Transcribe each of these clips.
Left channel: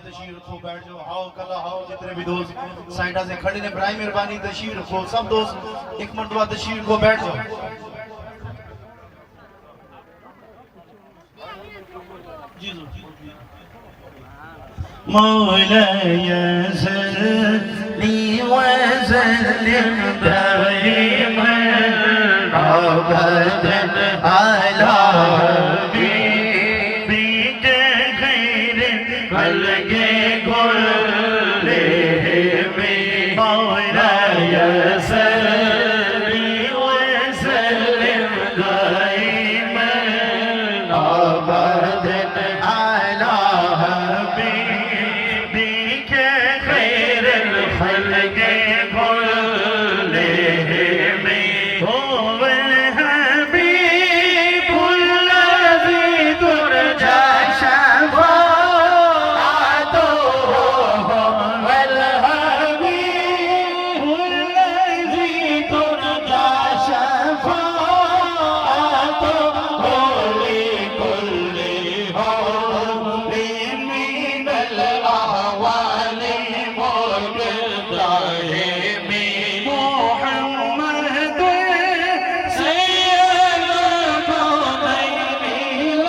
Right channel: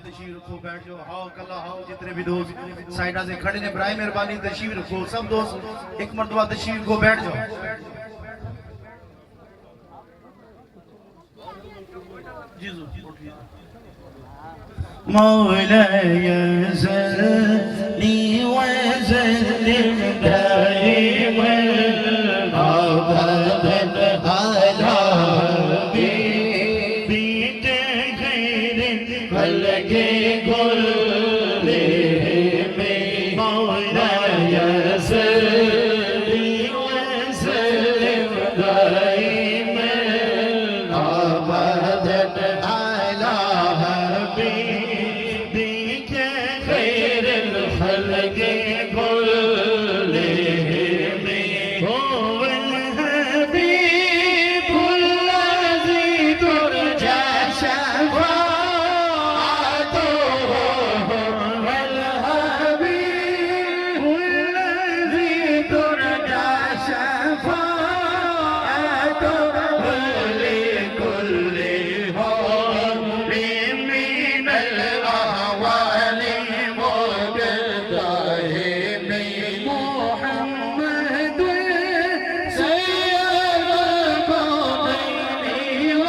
तशरीफ रखो, बैठ जाओ, हाओ कला हाओ, जितने भी दोस्त साइडा से खड़े ने बराए मेहरबानी तशरीफ रखो, सब दोस्त एक मरतबा तशरीफ रखो, बैठ जाओ। मौलाया सल्ली व सल्लिम दाइमन अबदन अला हबीबिक खैरिल खल्क़ि कुल्लिहिम। मौलाया सल्ली व सल्लिम दाइमन अबदन अला हबीबिक खैरिल खल्क़ि कुल्लिहिम। हुवल हबीबुल्लज़ी तुरजा शफ़ाअतुहु। हुवल हबीबुल्लज़ी तुरजा शफ़ाअतुहु लिकुल्लि हौलिन मिनल अहवालि मुक़्तहिम। मुहम्मदुन सय्यदुल कौनैनि व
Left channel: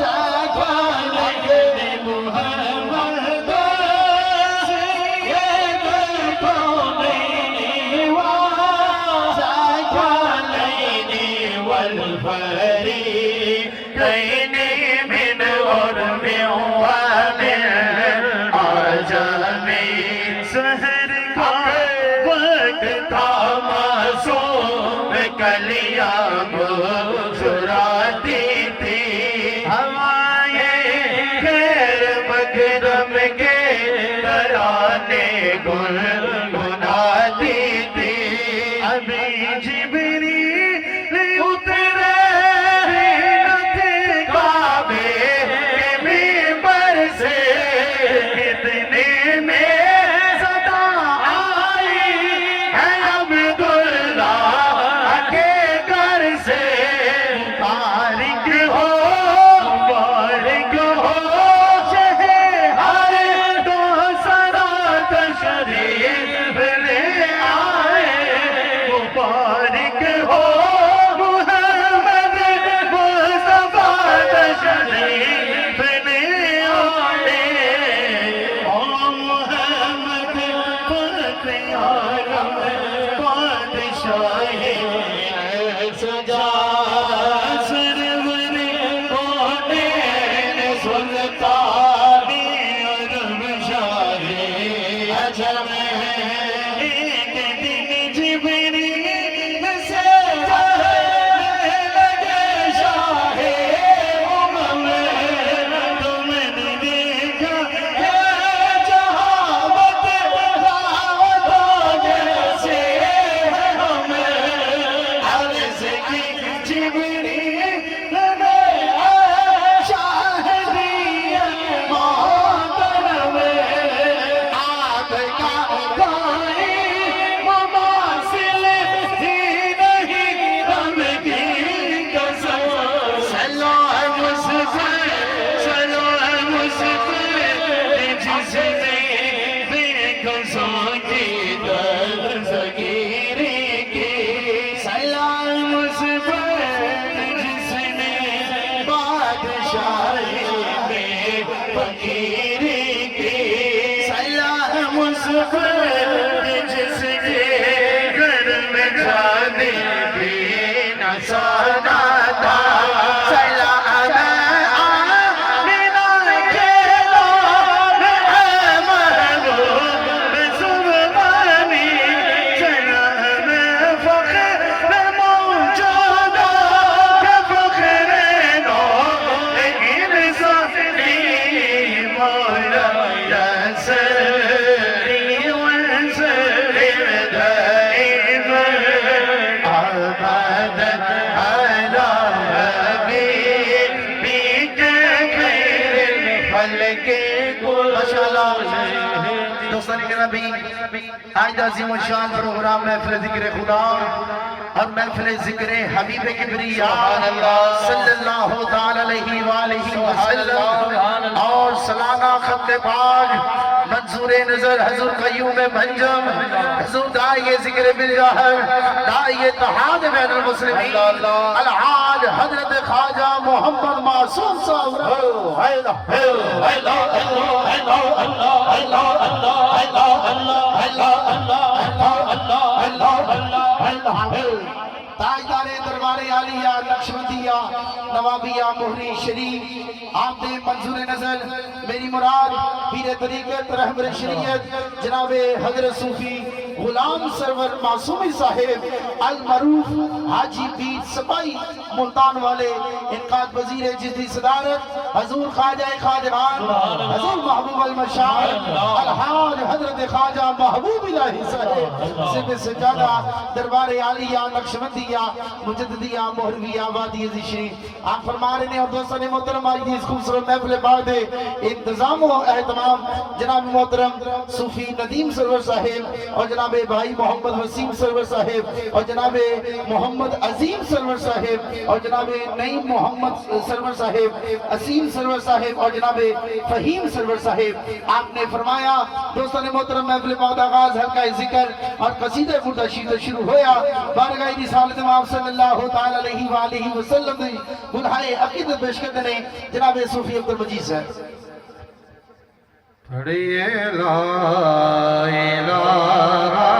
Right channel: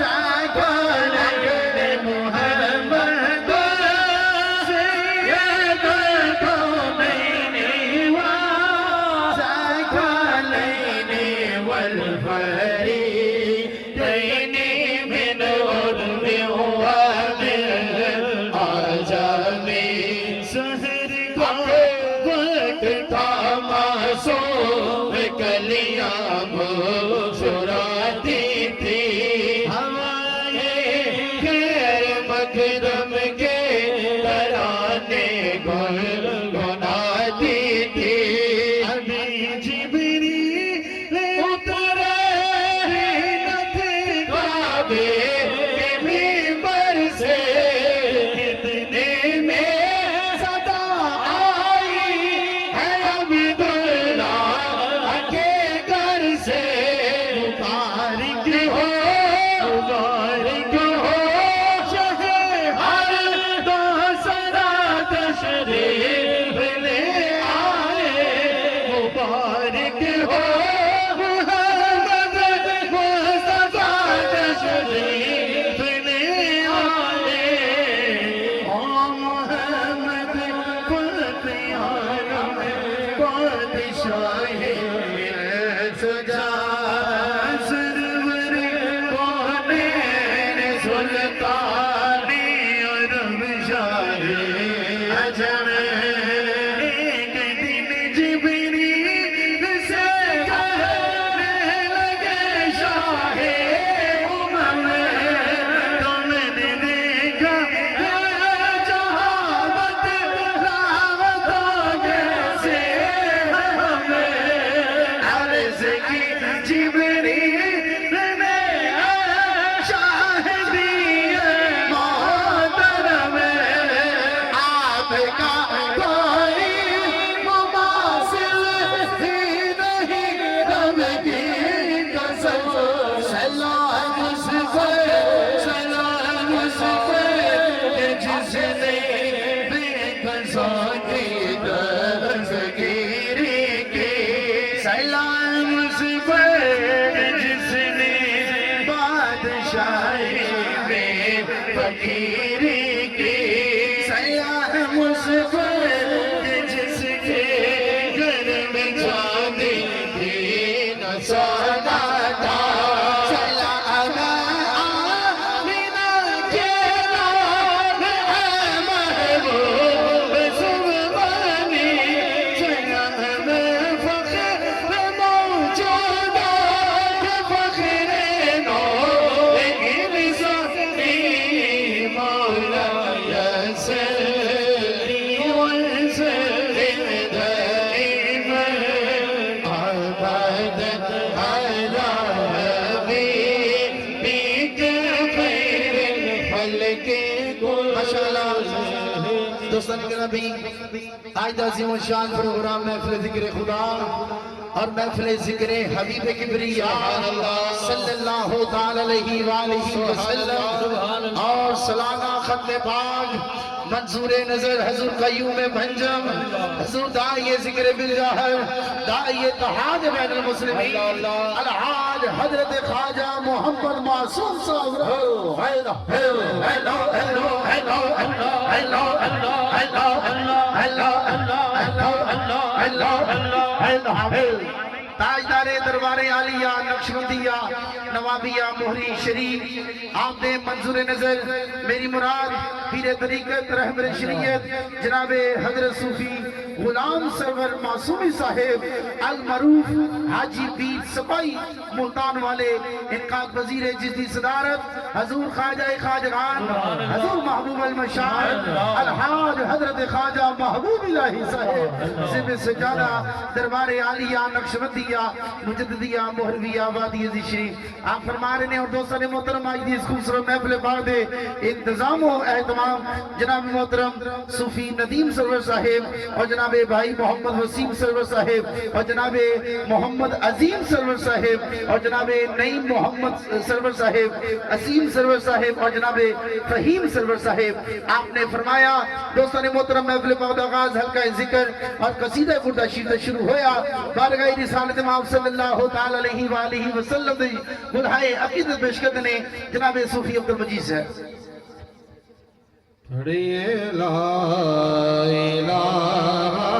सकलैनि। मुहम्मदुन सय्यदुल कौनैनि व सकलैनि वल फरीक़ैनि मिन उर्बि व मिन अजम। सहर का वक्त था मासूम, कलियां मुस्कुराती थी। हवाएं खैर मकरम के तराने गुनगुनाती थी। अभी जिब्रील उतरे ही न थे काबे के मिंबर से। इतने में सदा आई है अब्दुल्लाह के घर से। मुबारक हो शहे हर दो सरा तशरीफ ले आए। मुबारक हो मुहम्मद मुस्तफा तशरीफ ले आए। ओ मुहम्मद फ़ख्र आलम बादशाहे सुजा सरवर कौनैन सुल्ताने अरब शाहे अजम। एक दिन जिब्रील से कहने लगे शाहे उमर, तुमने देखा है जहावत रावतों जैसे है हमें। अर्ज़ की जिब्रील ने शाहिदियत मोहतरम, आपका कोई मुमासिल ही नहीं रब की कसम। सलाम उस पर जिसने बेकसों की दस्तगीरी की। सलाम उस पर जिसने बादशाही में फकीरी की। सलाम उस पर जिसके घर में जाने भी न सोना था। सलाम आमिना के लाल है महबूब सुल्तानी। सलाम फ़ख्र मौजूदा है फ़ख्र नो, लेकिन साथी मौलाया सल्ली व सल्लिम दाइमन अबदन अला हबीबिक खैरिल खल्क़ि कुल्लिहिम। माशाअल्लाह दोस्तों, आज अज़ीम शान प्रोग्राम महफ़िल ज़िक्र खुदा और महफिल ज़िक्र हबीब किबरिया सल्लल्लाहु ताला अलैहि वसल्लम और सलाना खत्ते पाक मंसूरे नजर हजूर कय्यूम भंजम हजूर दाइए ज़िक्र बिलजहर दाइए तहाज बैनुल मुस्लिमीन अलहाज हजरत ख्वाजा मोहम्मद मासूम साहब ताजदारे दरबारे आलिया नक्शबंदिया नवाबिया मोहरी शरीफ आमदे मंजूर नजर मेरी मुराद पीर तरीकत रहबर शरीयत जनाबे हजरत सूफी गुलाम सरवर मासूमी साहेब अल मरूफ हाजी पीर सपाई मुल्तान वाले इनकाद वजीर जिसकी सदारत हजूर ख्वाजा खाजगान हजूर महबूब अल मशाइख अलहाज हजरत ख्वाजा महबूब इलाही साहेब जिब्र सजादा दरबारे आलिया नक्शबंदिया मुजद्दिदिया मोहरविया वादी शरीफ आप फरमा रहे हैं और दोस्तों ने मोहतरम आज इस खूबसूरत महफिल बाद इंतजाम व एहतमाम जनाब मोहतरम सूफी नदीम सरवर साहेब और जनाबे भाई मोहम्मद वसीम सरवर साहेब और जनाबे मोहम्मद अजीम सरवर साहेब और जनाबे नईम मोहम्मद सरवर साहेब असीम सरवर साहेब और जनाबे फहीम सरवर साहेब आपने फरमाया दोस्तों ने मोहतरम महफिल बाद आगाज हल्का जिक्र और कसीदा बुर्दा शीर शुरू होया बारगाह रिसालत आप सल्लल्लाहु ताला अलैहि वालिहि वसल्लम दी गुलहाए अकीदत पेश करते ने जनाब सूफी अब्दुल मजीद साहब पढ़िए ला इलाहा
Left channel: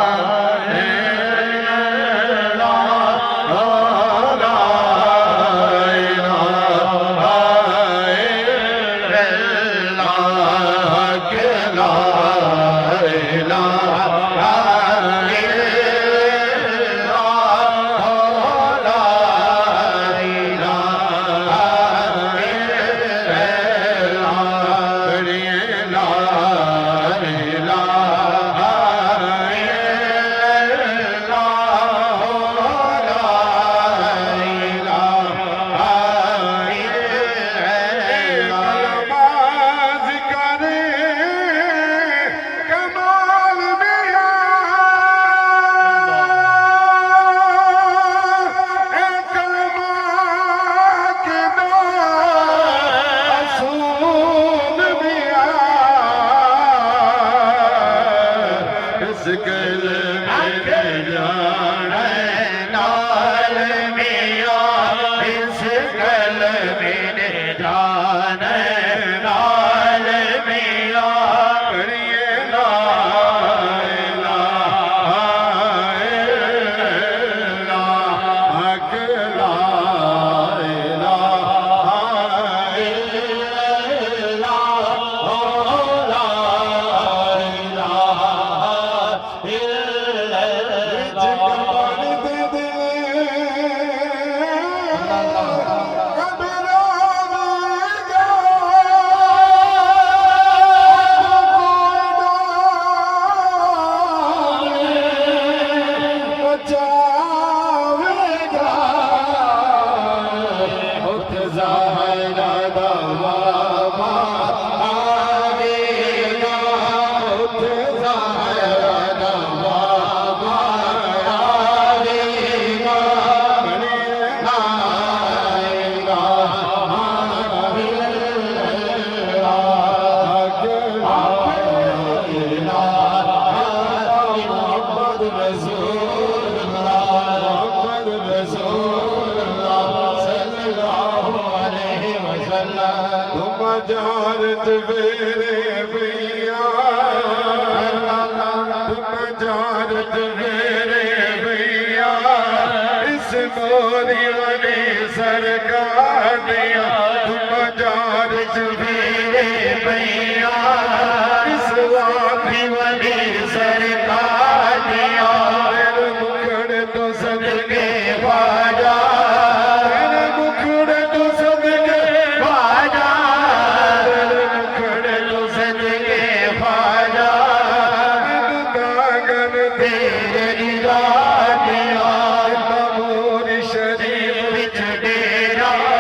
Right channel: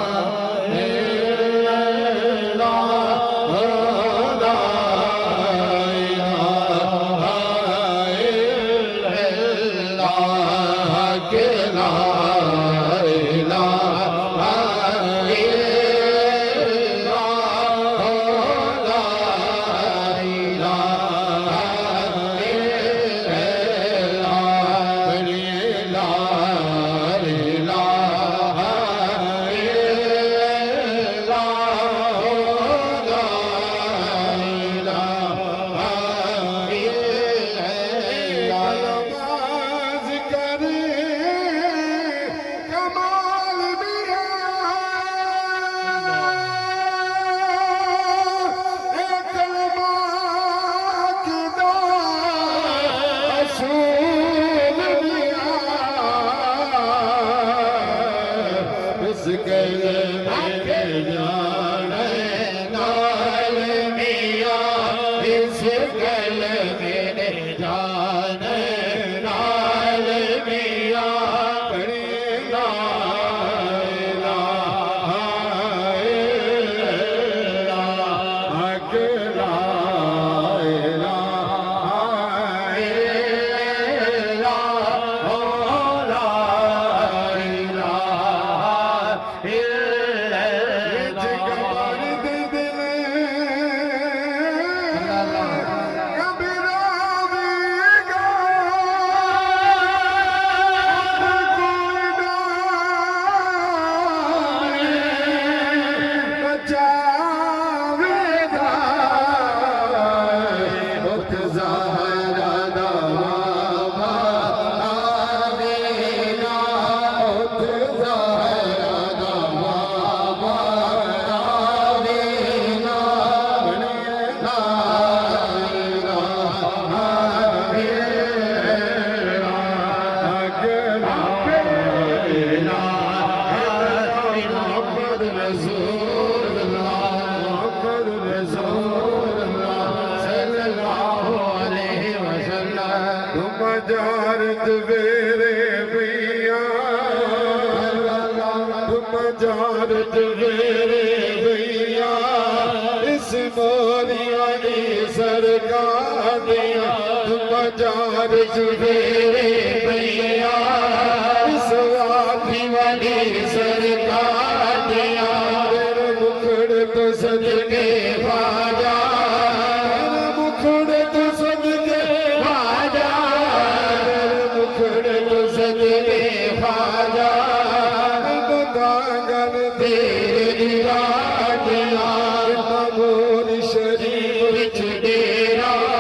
शरीफ विच डेरा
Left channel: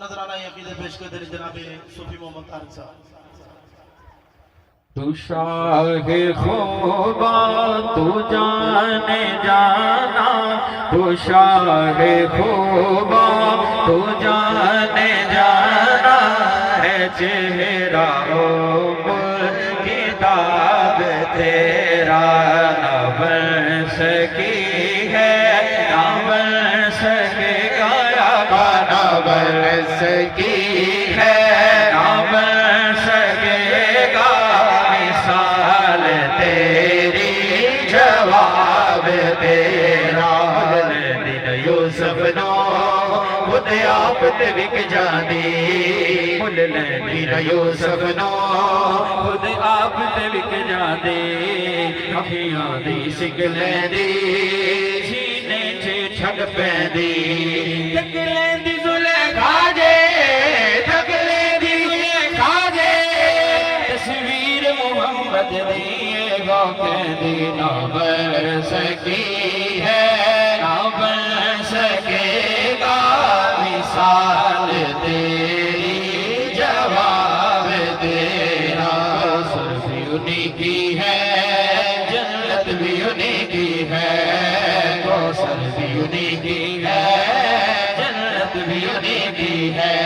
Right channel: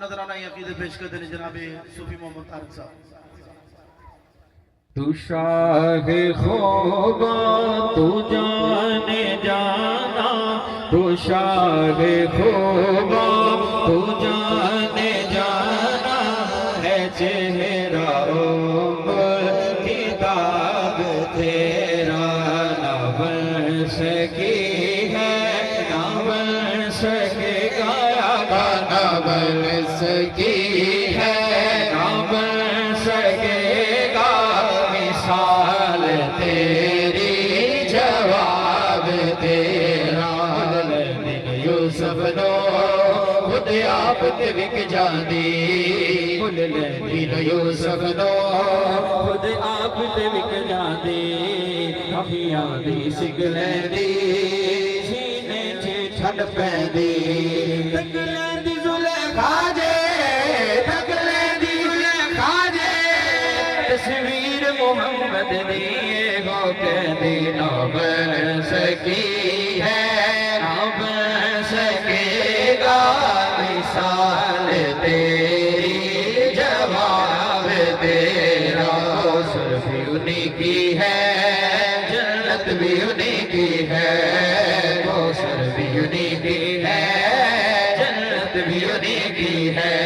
नजराना अकीदत पेश कर देने जनाबे सूफी मोहम्मद तारिक साहब। तू शाहे खूबा तू जाने जाना, तू शाहे खूबा तू जाने जाना है चेहरा किताब तेरा ना बन सकी है, ना बन सकेगा ना बन सकी है, ना बन सकेगा मिसाल तेरी जवाब तेरा। दिन यूसुफ नो खुद आप ते विक जांदी, दिन यूसुफ नो खुद आप ते विक जांदी, अखियां दी सिगले दी सीने च छड़ पैंदी, तक लैंदी जुलेखा जे, तक लैंदी जुलेखा जे, तस्वीर मोहम्मद दी गो कहंदी ना बन सकी है, ना बन सकेगा मिसाल तेरी जवाब तेरा। सुर भी उन्हीं की है, जन्नत भी उन्हीं की है, कौसर भी उन्हीं की है, जन्नत भी उन्हीं की है।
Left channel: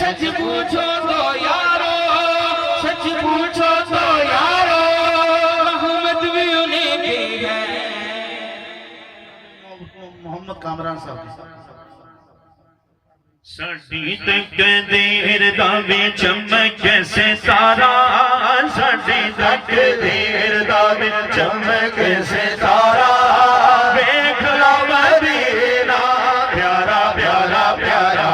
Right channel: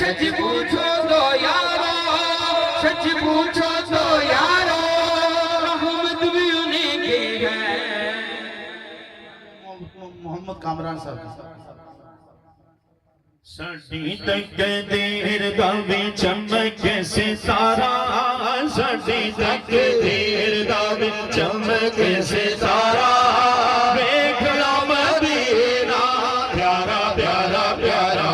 सच पूछो तो यारो, सच पूछो तो यारो, रहमत भी उन्हीं की है। मोहम्मद कामरान साहब जी। साडी तकदीर दा वे चमक सितारा, साडी तकदीर दा वे चमक सितारा, वेख लो मदीना प्यारा प्यारा प्यारा।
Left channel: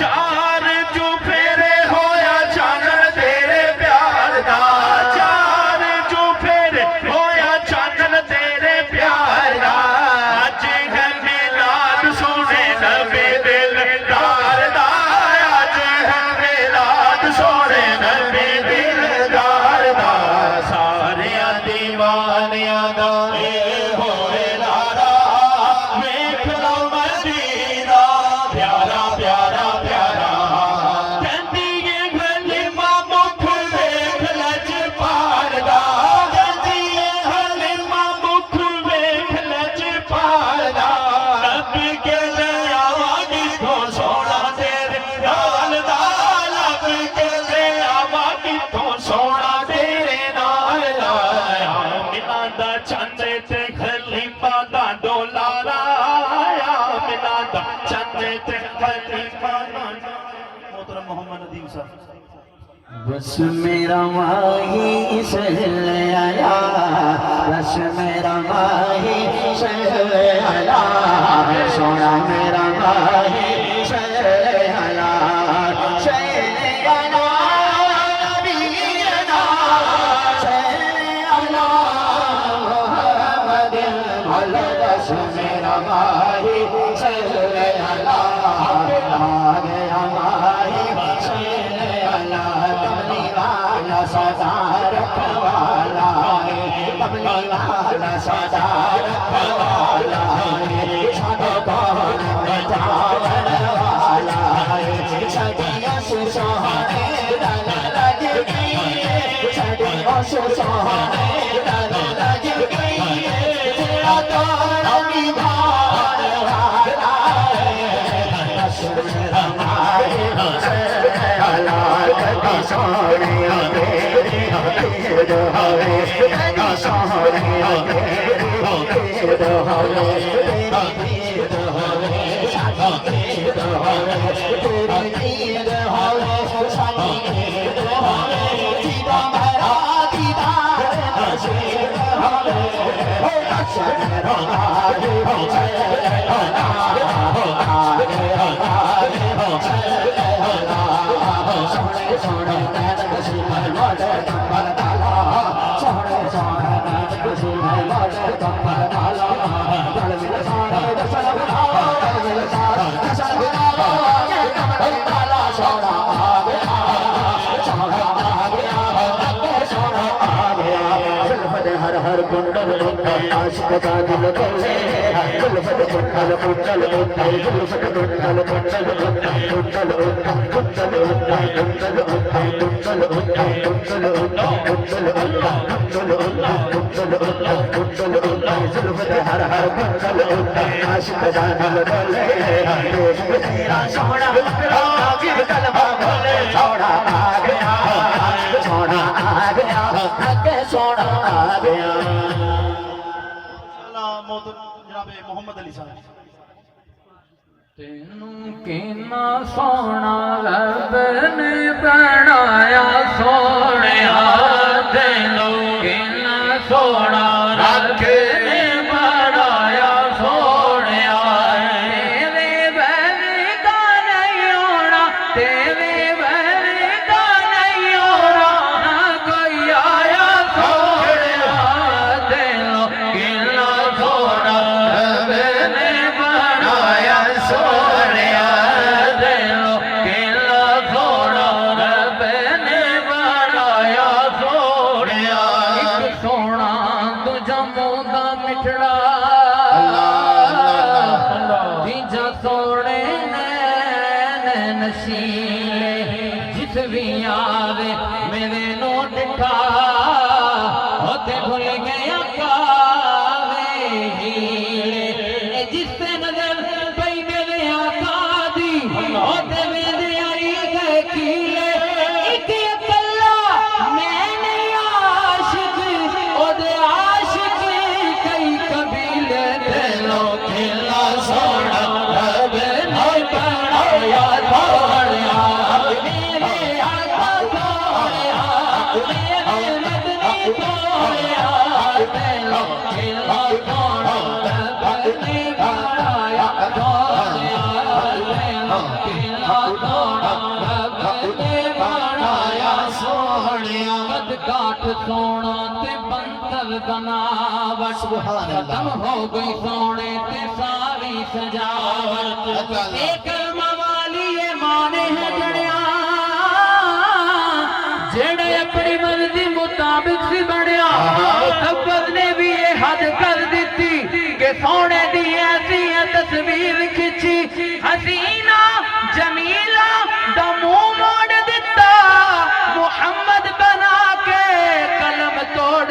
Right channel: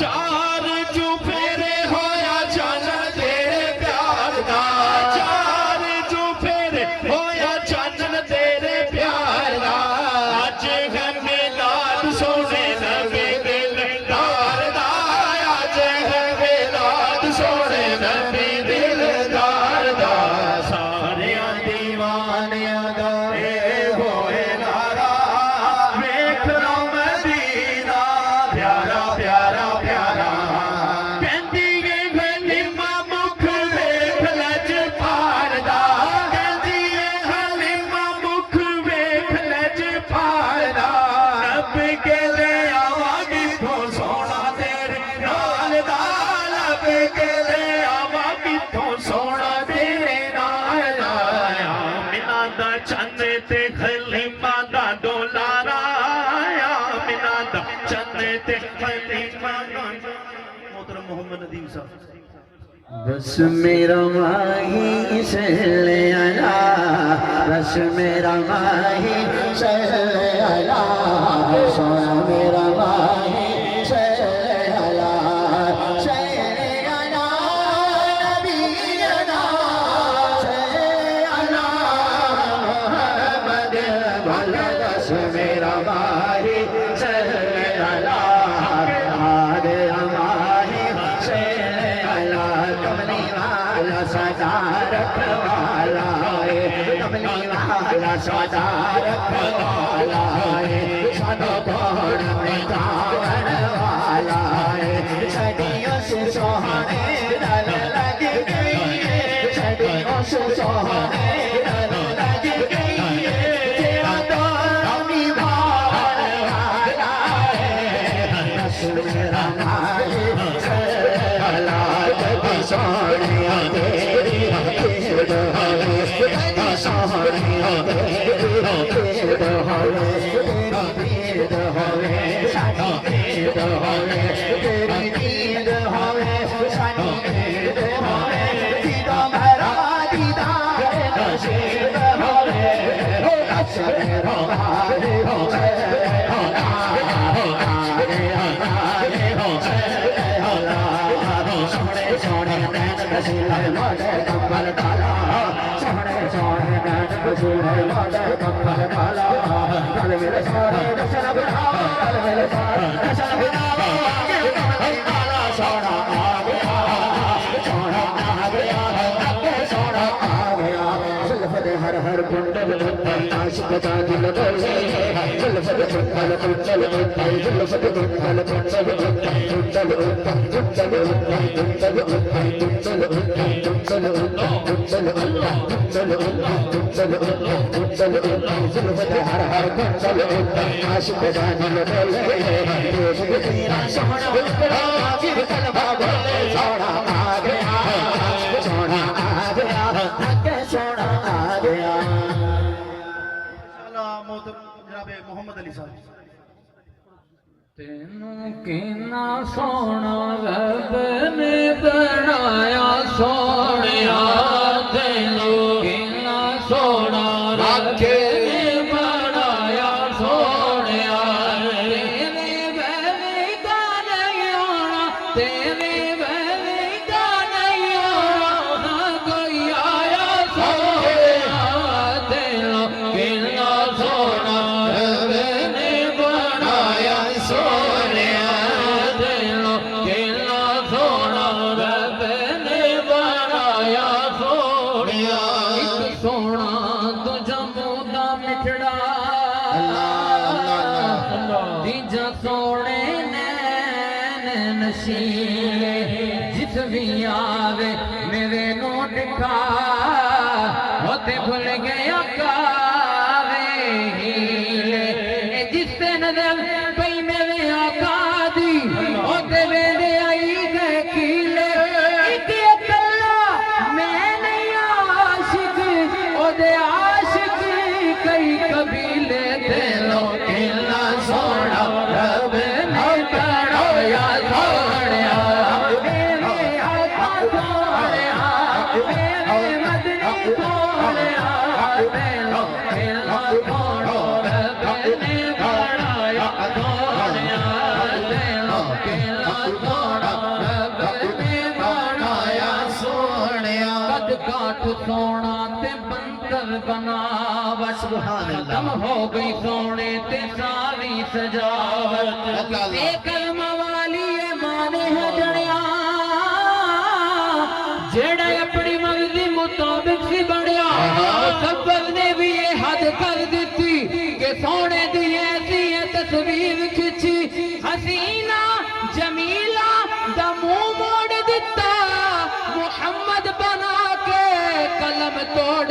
चार चुफेरे होया चन तेरे प्यार दा, चार चुफेरे होया चन तेरे प्यार दा। अज है मिलाद सोने नबी दिल दार दा, अज है मिलाद सोने नबी दिलदार दा। सारियां दीवानियां दा होए नारा, वेख लो मदीना प्यारा प्यारा प्यारा। कहंदी ए हलीमा मुख वेख लज पार दा, कहंदी ए हलीमा मुख वेख लज पार दा। रब के ले आवागी तो सोना तेरे नाल दा, रब के ले आवागी तो सोना तेरे नाल दा। मिना दा चंद ते खलीफा दा डोलारा, मिना दा चंद ते खलीफा दा। मोहतरम मोहम्मद नदीम साहब। बस मेरा माही सहल आला, बस मेरा माही सहल आला, सोना मेरा माही सहल आला, सहल आला नबीना, सहल आला मोहम्मद भला। बस मेरा माही सहल आला, मेरा माही सहल आला, कमली वाला सदा रखवाला है, कमली वाला सदा रखवाला है, सारे कौन में जावन वाला है। सदियों से सोहने दल लग गई है, सदियों से सोहने दल लग गई है, तेरा दौर निभाने वाला है। बस मेरा माही सहल कभी सोनिया तेरी पीड़ हवे, कभी सोनिया तेरी पीड़ हवे, तेरी पीड़ हवे साडी पीड़ हवे, तेरी पीड़ हवे साडी पीड़ हवे। दीदा मेरा दीदार नसीब हवे, बस मेरा माही सोने सोने नैन कसूर मोटे कंबल काला, सोने सोने नैन कसूर मोटे कंबल काला। गल मिल सोने दसल बना, गल मिल सोने दसल बना, ये कंबल काला सोना आ गया, सोना आ गया, सोना आ गया। जुल्फ दे हर हर कुंडल कुंडल आशिक का दिल कर ले, जुल्फ आशिक दानल डोले सोना कलमा बोले सोना आ गया सोना आ गया के सोना आ गया जनाब मोहम्मद अली साहब तेनू किन्ना सोना रब ने बनाया सोनिया तेनू किन्ना सोना रब ने बनाया सोनिया तेरे वर्गा नहीं होना तेरे वर्गा नहीं होना ना कोई आया सोनिया तेनू किन्ना सोना रब ने बनाया सोनिया तेनू किन्ना सोना रब ने बनाया सोनिया एक सोना तुझा मुंह मिठड़ा दीजा सोने नैन नशीले जिस भी आवे मेरे नो डिठा होते भूल गया कावे हीले जिस नजर पई मेरे आका दी होते वेंदे आई गए कीले एक अकेला मैं नहीं आशिक ओदे आशिक कई कबीले ते लोग किला सोना रब ने बनाया सोनिया मेरे आका सोनिया मेरे मदनी सोनिया ते लोग किला सोना रब ने बनाया सोनिया ते लोग किला सोना रब ने बनाया सोनिया कद काट सोना ते बंदर बनावट खत्म हो गई सोने ते सारी सजावट ते कलमा वाली ये माने है जड़िया जेड़ा अपनी मर्जी मुताबिक सी बढ़िया मुसब्बत ने भी ये हद कर दी कि सोने दी ऐसी तस्वीर खिंची हसीना जमीला दा मुंह मोड़ दिता मुहम्मद बना के कलम तोड़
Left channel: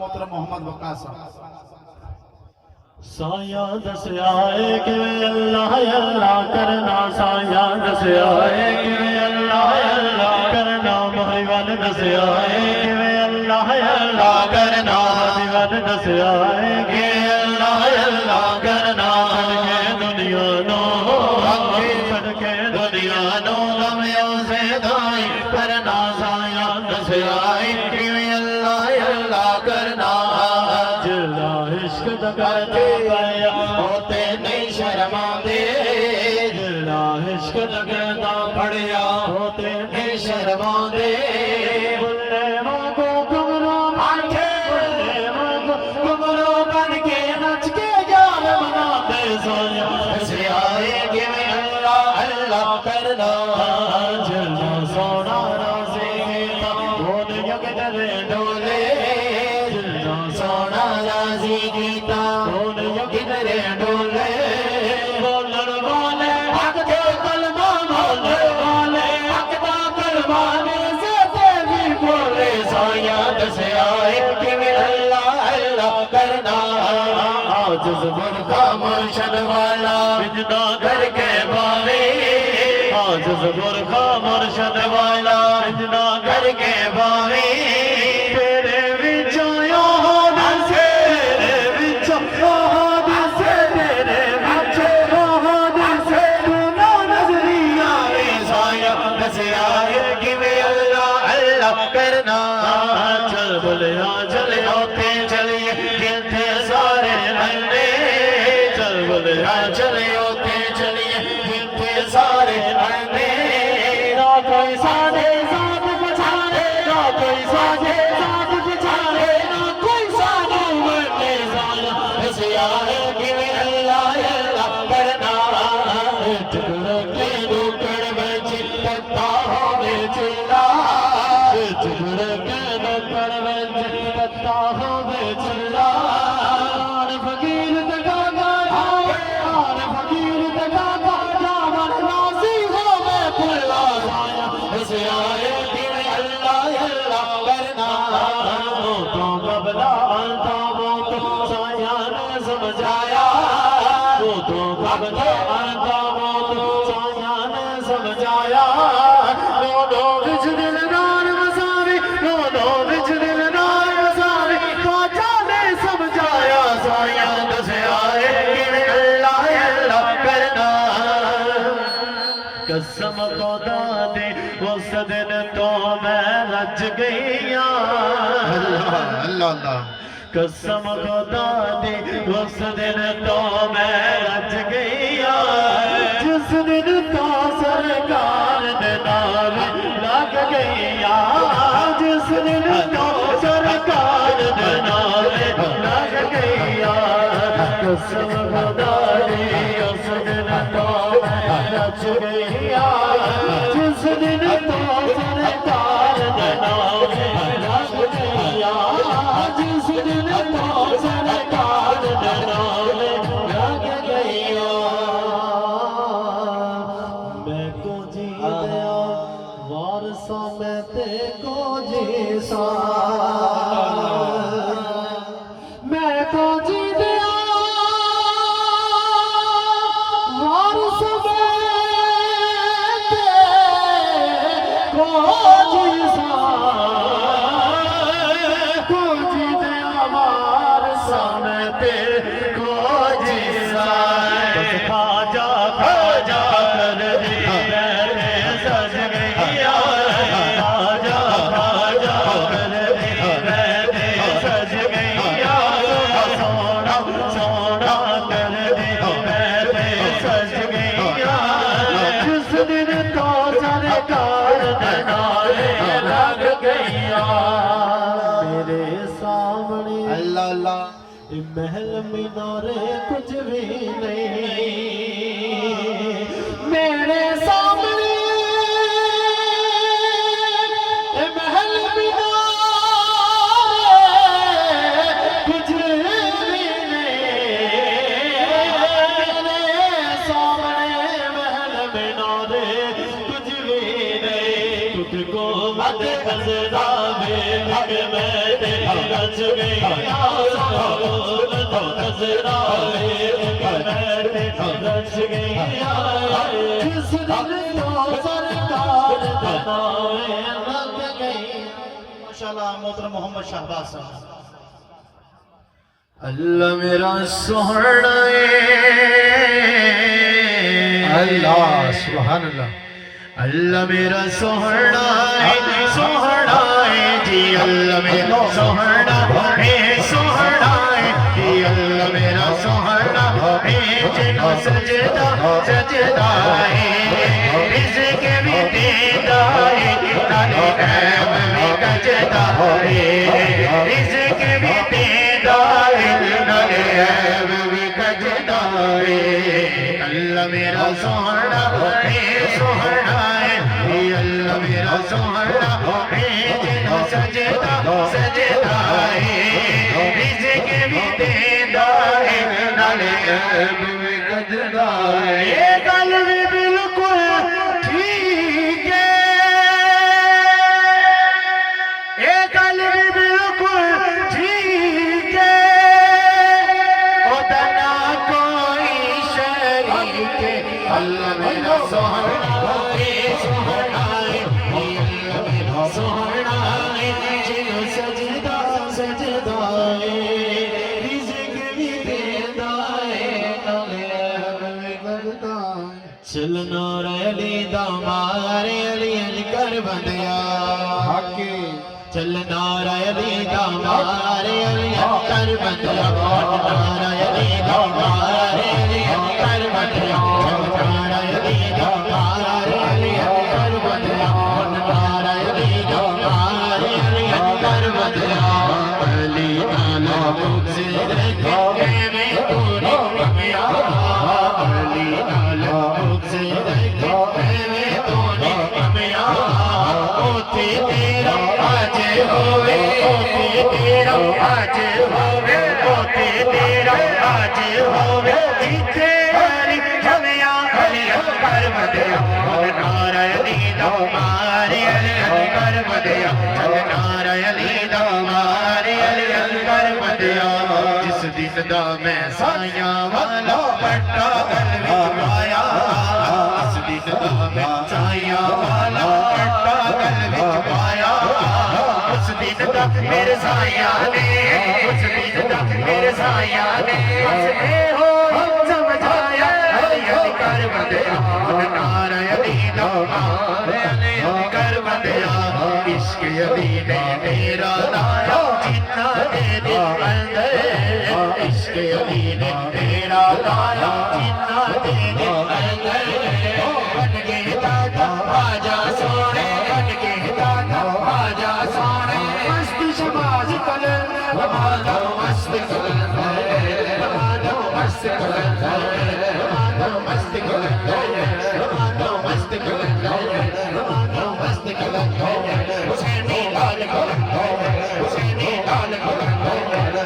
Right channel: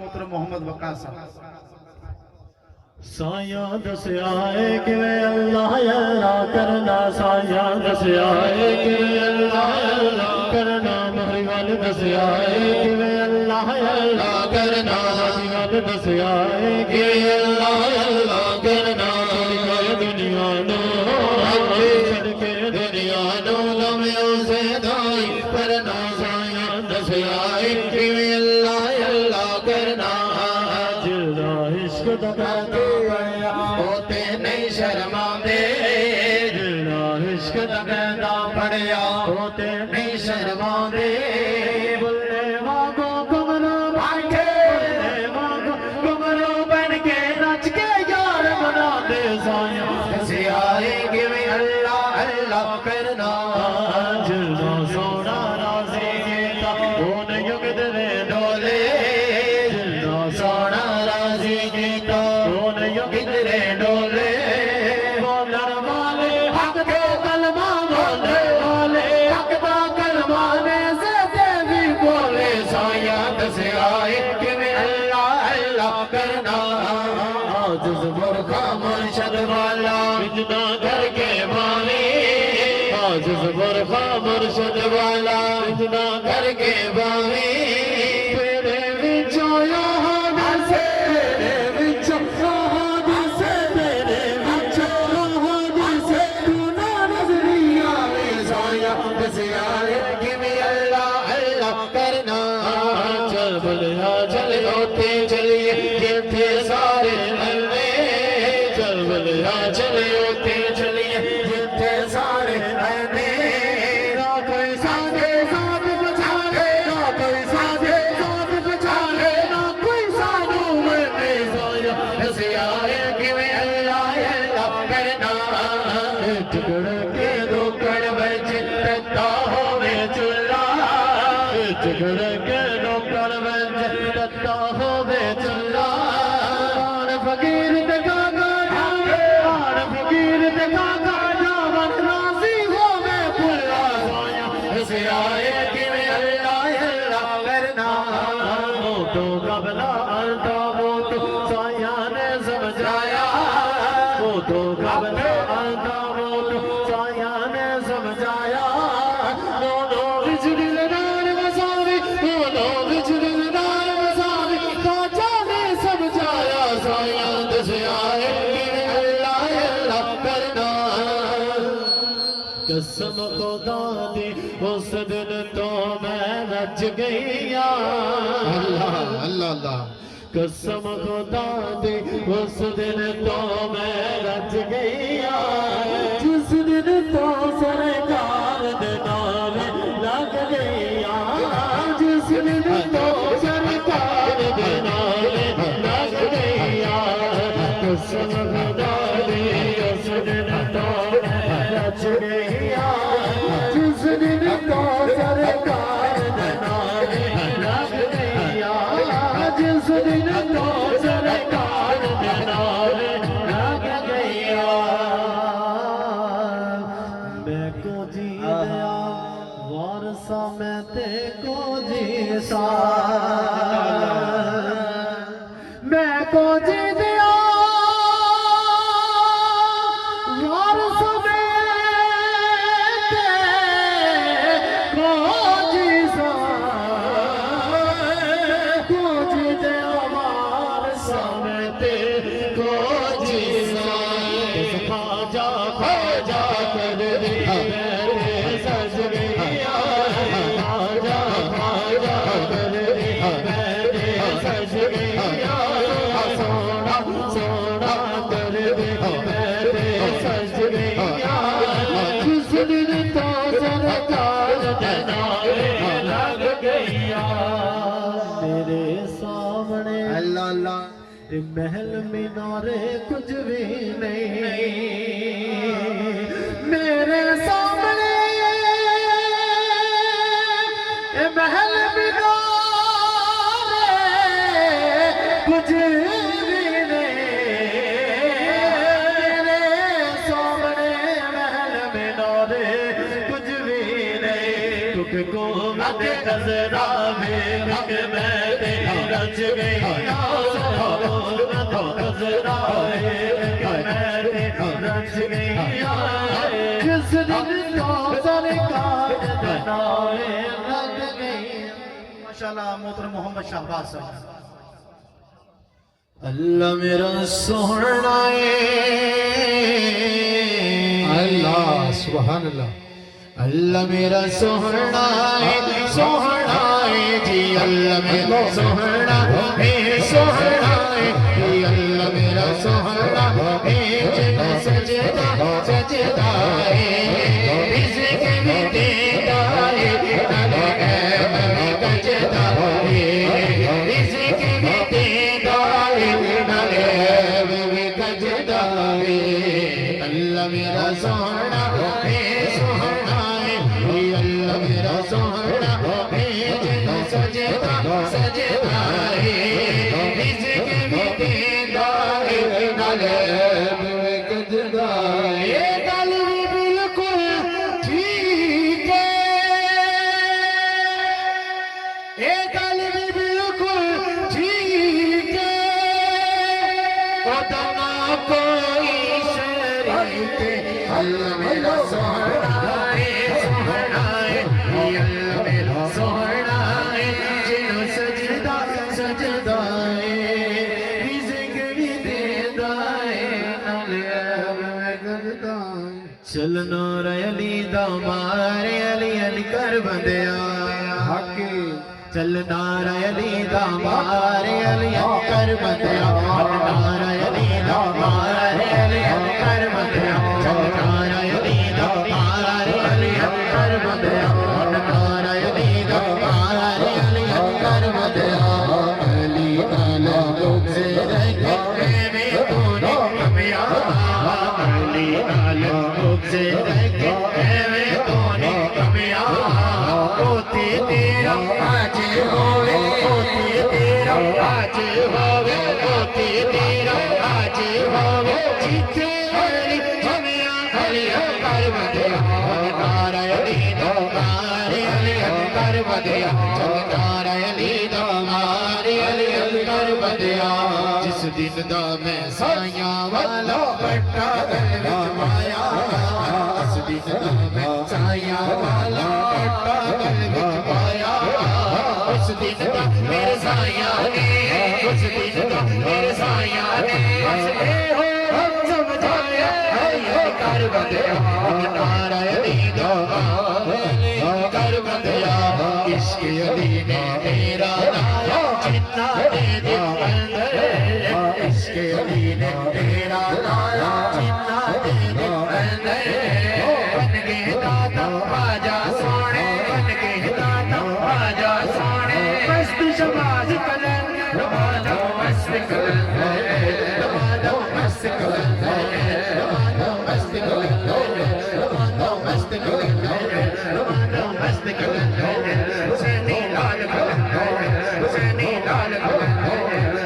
मोहतरम मोहम्मद वक्कास साहब साया दस आए कि अल्लाह अल्लाह करना साया दस आए कि अल्लाह अल्लाह करना मोहब्बत दस आए कि अल्लाह अल्लाह करना मोहब्बत दस आए कि अल्लाह अल्लाह करना सड़के दुनिया नो सड़के दुनिया नो लम्हों से दाई करना साया दस आए कि अल्लाह अल्लाह करना जिला इश्क दगाते पाया होते नहीं शर्मांदे जिला इश्क दगदा पड़िया होते नहीं शर्मांदे बुल्ले वांगू कमरो बैठे बुल्ले वांगू कमरो बन के नच के यार मनाते साया से आए कि अल्लाह अल्लाह करना जिला सोना राजी गीता बोल युग दरे डोले जिला सोना राजी गीता बोल युग दरे डोले बोलन वाले हक के कलमा बोले वाले हक दा कलमा ने से भी बोले साया दस आए कि अल्लाह अल्लाह करना आज ज़बरखा मुर्शद वाला बिजना करके बावे आज ज़बरखा मुर्शद वाला बिजना करके बावे तेरे विचों यो हंसे तेरे विचों यो हंसे तेरे विचों यो हंसे तू ना नजरिया में साया दस आए कि अल्लाह अल्लाह करना चल बोलिया चल होते चलिए गिरते सारे हल्ले चल बोलिया चल होते चलिए चुगड़ के नुकड़ विच तत्ता होवे चुल्ला आन फकीर ते काका आन फकीर ते काका जावन राजी होवे पुल्ला हुसियाए किवे अल्लाह अल्लाह करना तो कबला तो वो तो साया ने समझाया तो कबला तो वो तो साया ने समझाया दोनों विच दिलदार वसावी दोनों विच दिलदार वसावी काजा ने समझाया साया दसिया किवे अल्लाह अल्लाह करना कसम खुदा दे उस दिन तो मैं रज गईया अल्लाह अल्लाह कसम खुदा दी उस दिन तो मैं रज गईया जिस दिन तो सरकार दे नाल लग गईया जिस दिन तो सरकार दे नाल लग गईया कसम खुदा दी उस दिन तो मैं रज गईया जिस दिन तो सरकार दे नाल लग गईया जिस दिन तो सरकार दे नाल लग गईया मैं को जी दया वारसा मैं ते को जी सा मैं को जी दया वारस में ते को जी सा को जी दया वारस में ते को जी सा बस खाजा खाजा कर दी मेरे सज गईया खाजा खाजा कर दी मेरे सज गईया सोना सोना कर दी मेरे सज गईया जिस दिन तो सरकार दे नाल लग गईया मेरे सामने अल्लाह अल्लाह महल मीनारे कुछ भी नहीं मेरे सामने महल मीनारे कुछ भी नहीं मेरे सामने महल मीनारे कुछ भी नहीं तुझको मत खजरा में मैं रच गई रच गई जिस दिन तो सरकार दे नाल लग गई माशाल्लाह मोहतरम मोहम्मद शहबाज साहब अल्लाह मेरा सोहना अल्लाह सुभान अल्लाह अल्लाह मेरा सोहना जी अल्लाह मेरा सोहना सोहना जी अल्लाह मेरा सोहना जिनो सजदा सजदा रिज़्क़ भी देता है नाले ऐब भी गजदा रिज़्क़ भी देता है नाले ऐब भी गजदा अल्लाह मेरा सोहना सोहना अल्लाह मेरा सोहना जिनो सजदा सजदा रिज़्क़ भी देता है नाले ऐब भी गजदा ये गल भी बिल्कुल ठीक है ये गल भी बिल्कुल ठीक है ओदा ना कोई शरीक अल्लाह मेरा सोहना सोहना अल्लाह मेरा सोहना जिनो सजदा सजदा रिज़्क़ भी देता है नाले ऐब भी गजदा चलना अली दा मारे अली अली कर बंदिया हके चलना अली दा मारे अली कर बंदिया हटना अली दा मारे अली कर बंदिया चलना अली दा मारे अली कर बंदिया हटना अली दा मारे अली कर बंदिया अली नाला मुझसे देखे में तूने कमियां अली नाला मुझसे देखे में तूने कमियां होती तेरा कर बदिया नारा अली दा मारे अली कर बदिया जिस दिन दा मैं साइयां वाला पट्टा गल विच पाया इस दिन दा मैं साइयां वाला पट्टा गल विच पाया उस दिन दा मेरे साइयां ने उस दिन दा मेरे साइयां ने उसने हो समझाया अली कर बदिया नारा अली दा मारे अली कर बदिया इश्क अली ने मेरा लाया जिन्ना दे दिल अंदर इश्क अली ने मेरा लाया जिन्ना दे दिल अंदर बन गए दादा आजा सोने बन गए दादा आजा सोने मस्त शबाज कलर रमानो मस्त कलर रमानो मस्त कलर रमानो मस्त कलर रमानो मस्त कलर रमानो मस्त कलर हुसैनी लाल कलर हुसैनी लाल कलर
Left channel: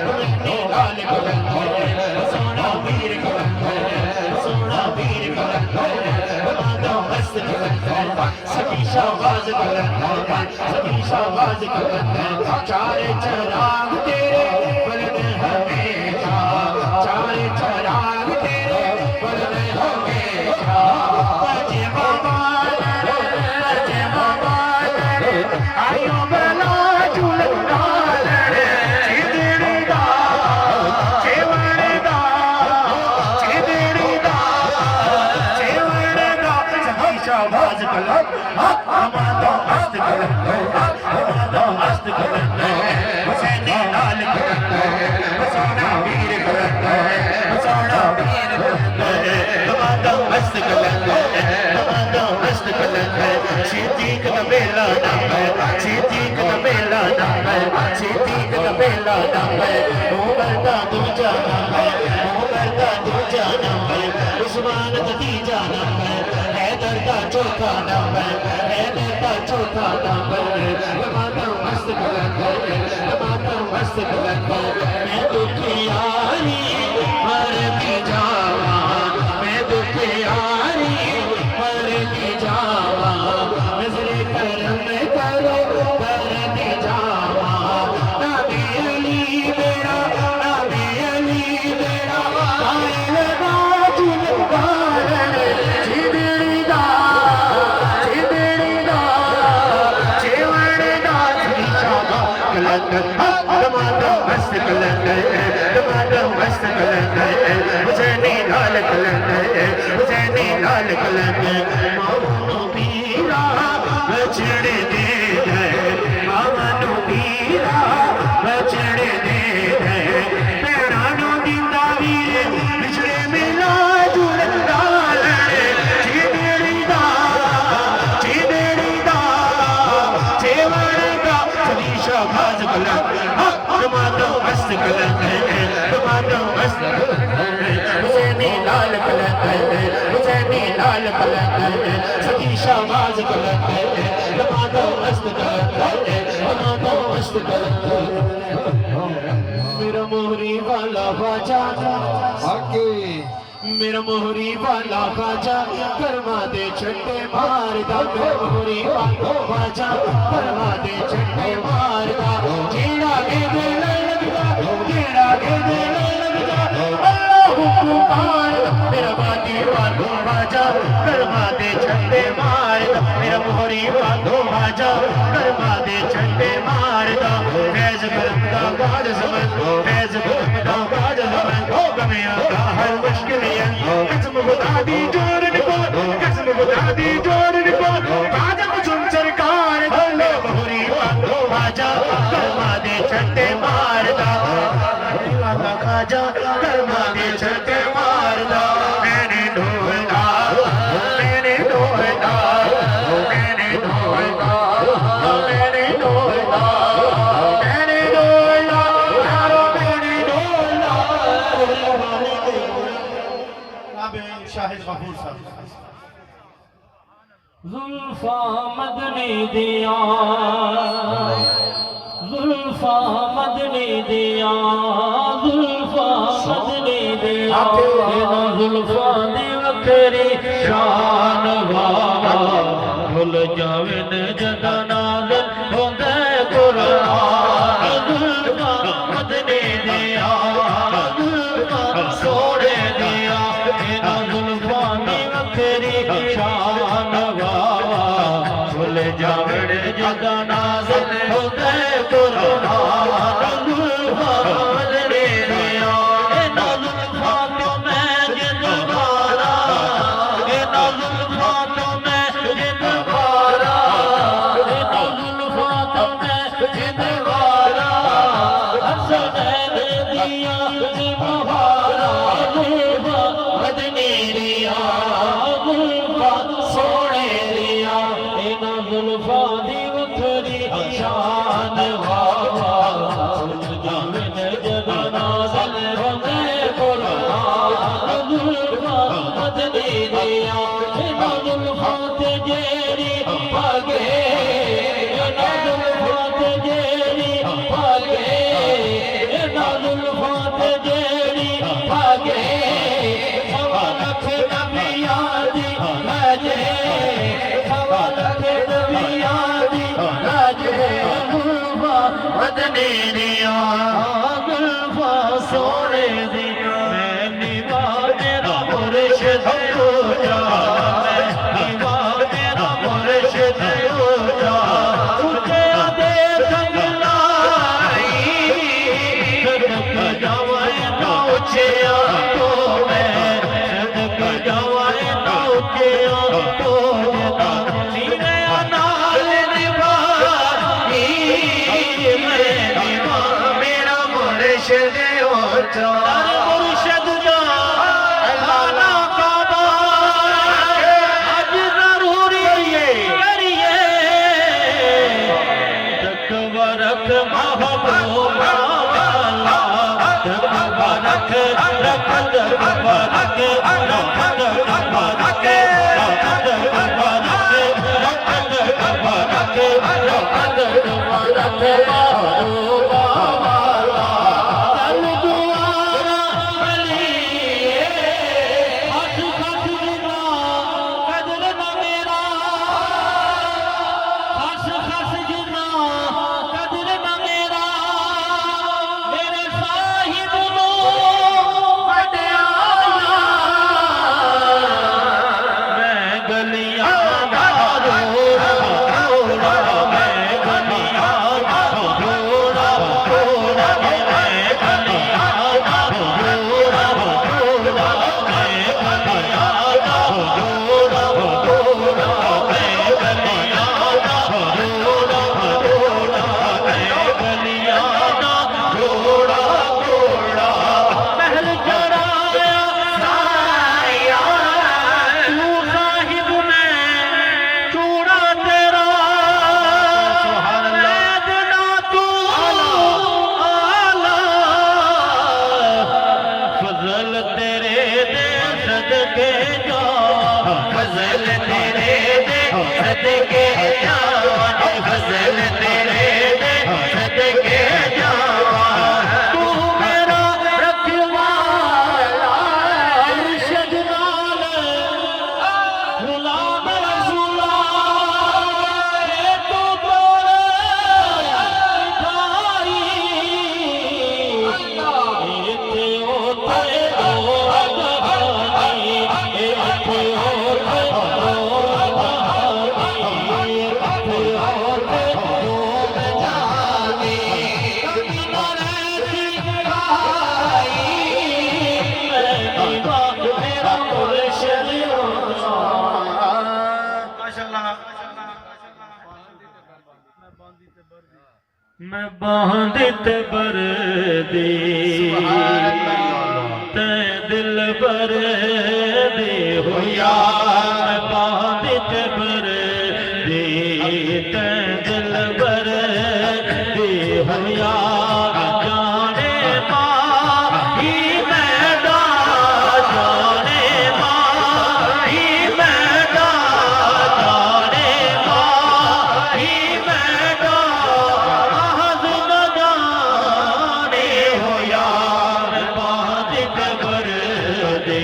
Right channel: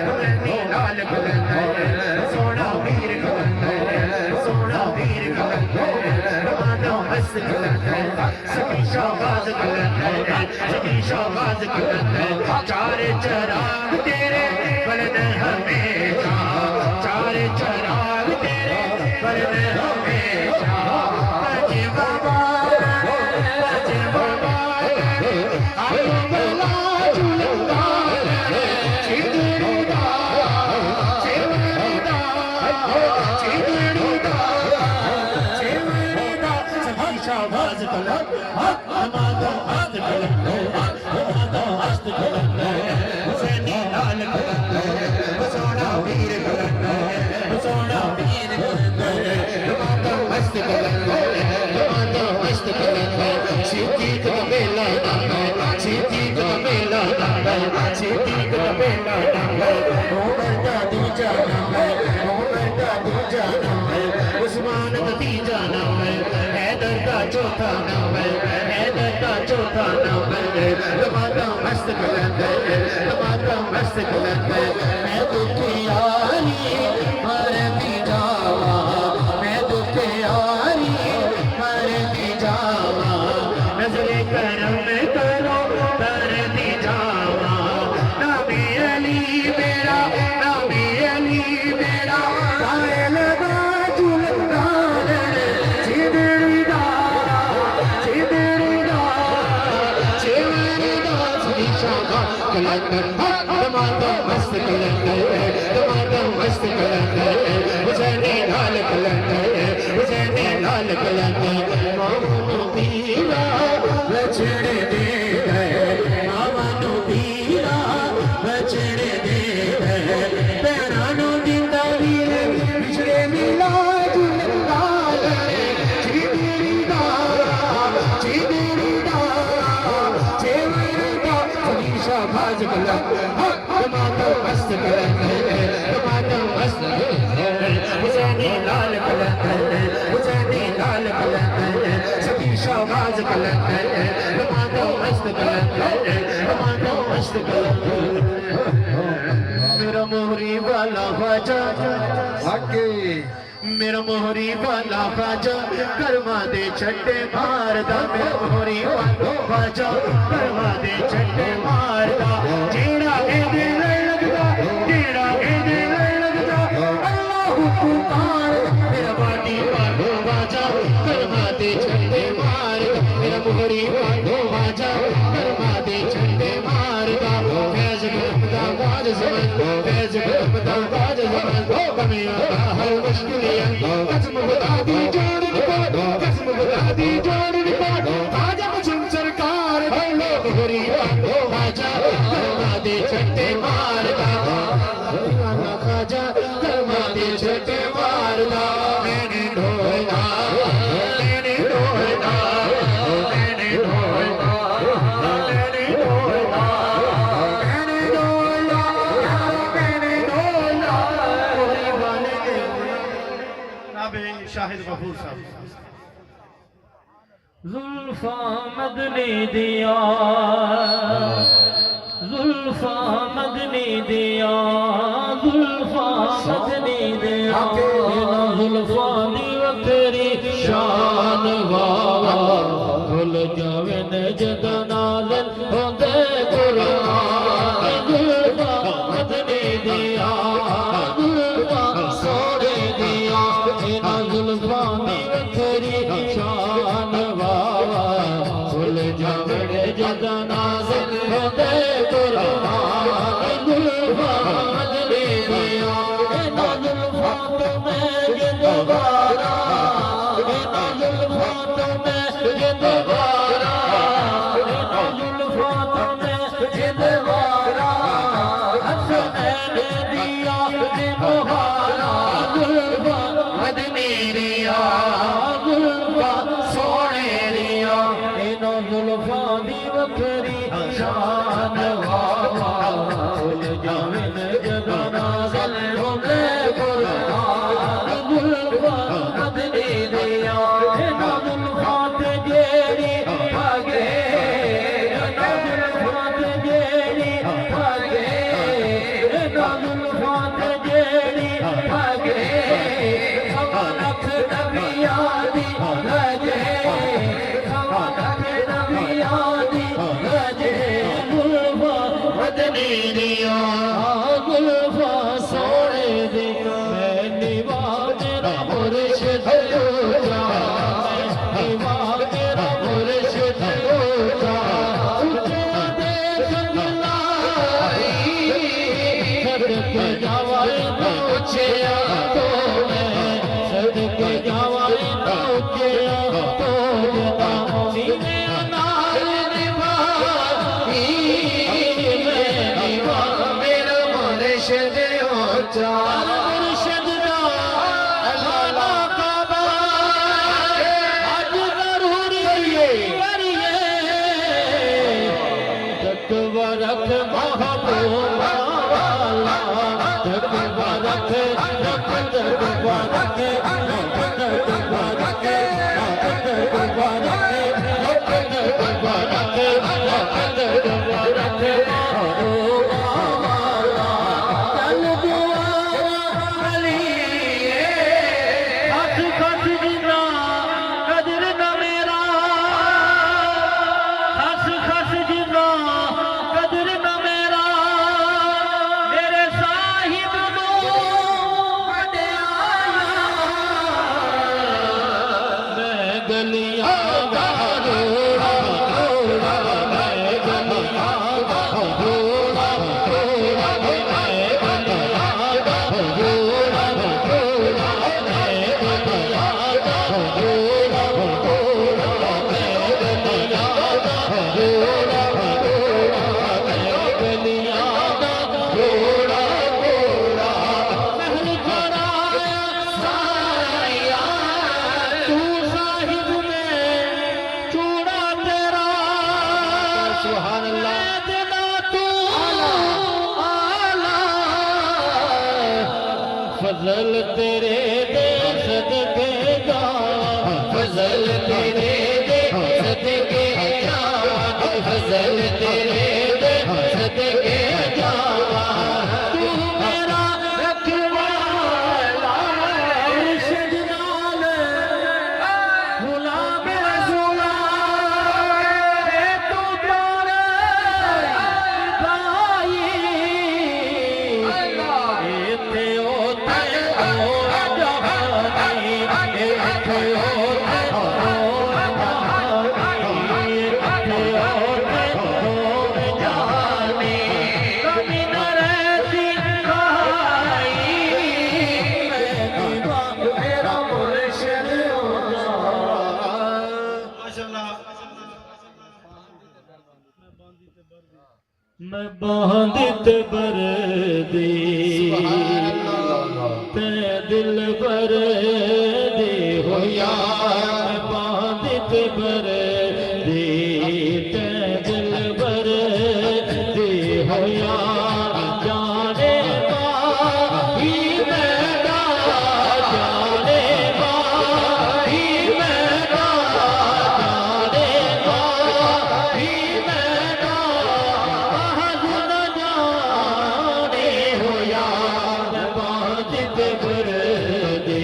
हुसैनी लाल कलर सोना वीर कलर सोना वीर कलर रमानो मस्त कलर सभी शाबाज कलर सभी शाबाज कलर चारे चराग तेरे बलन हमेशा चारे चराग तेरे बलन हमेशा बजे बाबा आयो बला झूलना चिदड़ी दा चेवड़ दा चिदड़ी दा चेवड़ दा सभी शाबाज कलर हमारा मस्त कलर हमारा मस्त कलर हुसैनी लाल कलर सोना वीर कलर सोना वीर कलर हमारा मस्त कलर हमारा मस्त कलर सिद्दीक दा बेला नाम सिद्दीक दा बेला नाम सिद्दीक दा बेला नाम उमर दा दूजा नाम उमर दा दूजा नाम उस्मान दा तीजा नाम हैदर दा चौथा नाम हैदर दा चौथा नाम हमारा मस्त कलर हमारा मस्त कलर मैं दुखियारी मरती जावा मैं दुखियारी मरती जावा नजरे करम करो करती जावा नबी अली मेरा नबी अली मेरा कायल दा जुलगार चिदड़ी दा चेवड़ दा सभी शाबाज कलर टमाटो मस्त कलर टमाटो मस्त कलर हुसैनी लाल कलर हुसैनी लाल कलर मामनो पीरा बछड़े दे गए मामनो पीरा बछड़े दे गए पैरानो दिंदा वीरे बिछड़े मिला झूलदा चिदड़ी दा चेवड़ दा सभी शाबाज कलर टमाटो मस्त कलर टमाटो मस्त हुसैनी लाल कलर हुसैनी लाल कलर सभी शाबाज कलर टमाटो मस्त कलर टमाटो मस्त कलर मेरा मोहरी वाला ख्वाजा आगे मेरा मोहरी वाला ख्वाजा कर्मा दे छट्टे मार दा मेरा मोहरी वाला ख्वाजा कर्मा दे छट्टे मार दा जेड़ा एदे लगदा तेरा एदे लगदा अल्लाह हुकुमान मेरा वादी वाला ख्वाजा कर्मा दे छट्टे मार दा मेरा मोहरी वाला ख्वाजा कर्मा दे छट्टे मार दा फैज करम दा बाद ज़मान फैज करम दा बाद ज़मान कमियां का हर मुश्किल कसम खुदा दी जोर निको कसम खुदा दी जोर निको आजा मुझुम सरकार भले मोहरी वालो आजा कर्मा दे छट्टे मारदा खाजा कर्मा दे छट्टे मारदा मैंने ढोलदा मैंने ढोलदा मैंने ढोलदा मैंने ढोलदा मैंने ढोलदा यारो मैंने ढोलदा मोहरी वाले शाहिद गफूर साहब जुल्फा मदनी दिया जुल्फा मदनी दिया जुल्फा मदनी दिया ना जुल्फा दी वखरी शान वावा भुल जावे न जद नाज़ल जदा नाज़िल होंदे कुरान जुल्फां तेरियां इन्हां जुल्फां तो मैं जिंदगारा इन्हां जुल्फां तो मैं जिंदगारा इन्हां जुल्फां तो मैं जिंदगारा हसनैन दिया ने मोहारा जुल्फां मदनी दिया जुल्फां सोने दिया इन्हां जुल्फां दी वखरी शान जामिन जदों नाज़िल होंदे कुरान जुल्फां मदनी दिया इन्हां जुल्फां ते जेड़ी भागे इन्हां जुल्फां ते जेड़ी भागे इन्हां जुल्फां ते जेड़ी भागे सवा लख नबियां दी लाजे सवा लख नबियां दी लाजे जुल्फां मदनी दिया जुल्फां सोने दी मैं निवा मेरा मुर्शिद ऊंचा मैं निवा मेरा मुर्शिद ऊंचा ऊंचे दे संग लाई सदक जावाए ना ऊंचिया तो मैं सदक जावाए ना ऊंचिया तो जना सीने नाल निभाई मैं निवा मेरा मुर्शिद ऊंचा मुर्शिद दा अल्लाह काबा आज जरूरी करिए तकवा रख महबूबा वाला तकवा रख तकवा रख तकवा रख तकवा रख तकवा रख तकवा रख महबूबा वाला चल दुआरा अली हथ खत गुना कदर न मेरा हस खस गुना कदर न मेरा मेरे साहिब नो वड्याया मैं गलियां दा रोड़ा रोड़ा मैं गलियां दा रोड़ा रोड़ा मैं गलियां दा रोड़ा रोड़ा मैं गलियां दा रोड़ा रोड़ा मैं गलियां दा रोड़ा रोड़ा मैं गलियां दा रोड़ा रोड़ा महल जराया साया तू साहिब में चूड़ा तेरा सुभान अल्लाह देना तू आला फजल तेरे दे सदके जा फजल तेरे दे सदके जा फजल तेरे दे सदके जा तू मेरा रखवाला मुर्शिद नाल गुलाम रसूला ए तो तोरे भाई इथे ओते ओ जहानी इथे ओते ओ जहानी इथे ओते ओ जहानी कभी न रहती खाई मैं दीवा मेरा मुर्शिद मैं बांधित बरदी ते दिल बरदी होया मैं बांधित बरदी ते दिल बरदी होया जाने माही मैदा जाने माही मैदा जाने माही मैदा महज न जाने होया मैं बांधित बरदी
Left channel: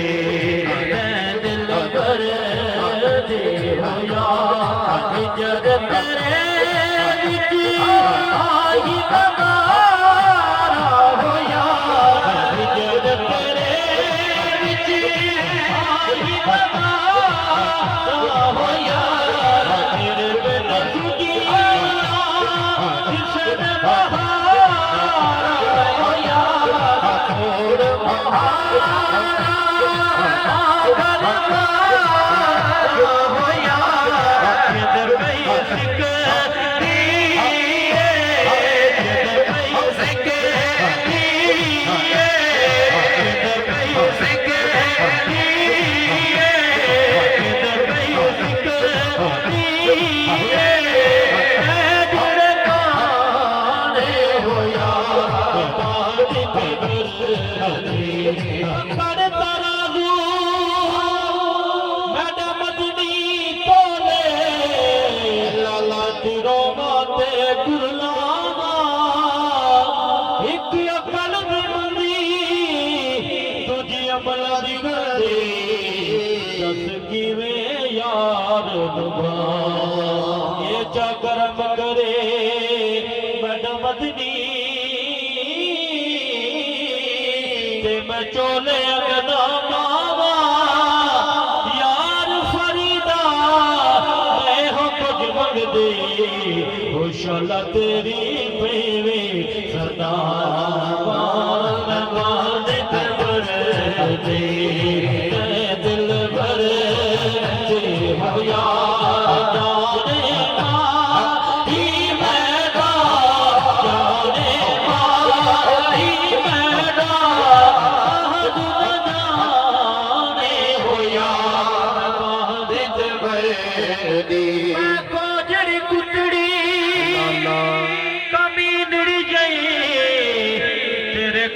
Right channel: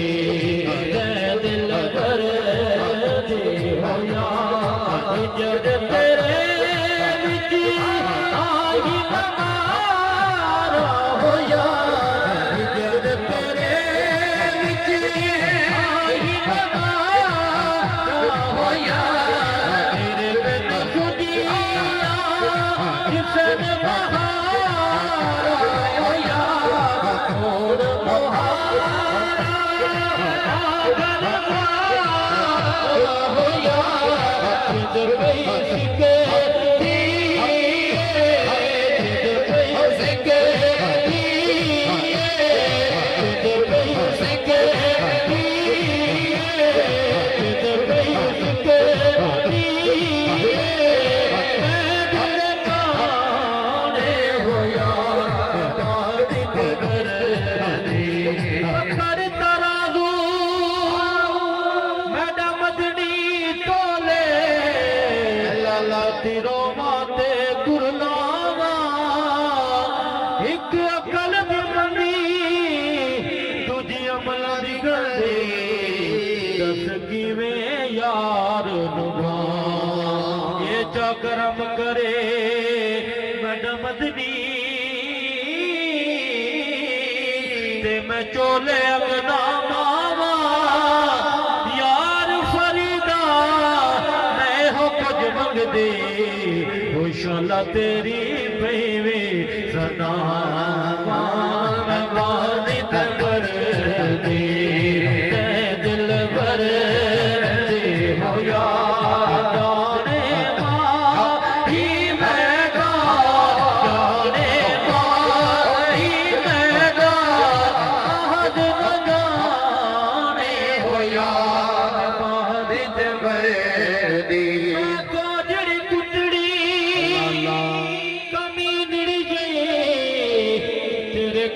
बड़ा मदनी ते मैं चोले अगना मावा यार फरीदा मैं हो कुछ मंगदे खुशाला तेरी पेवे सदा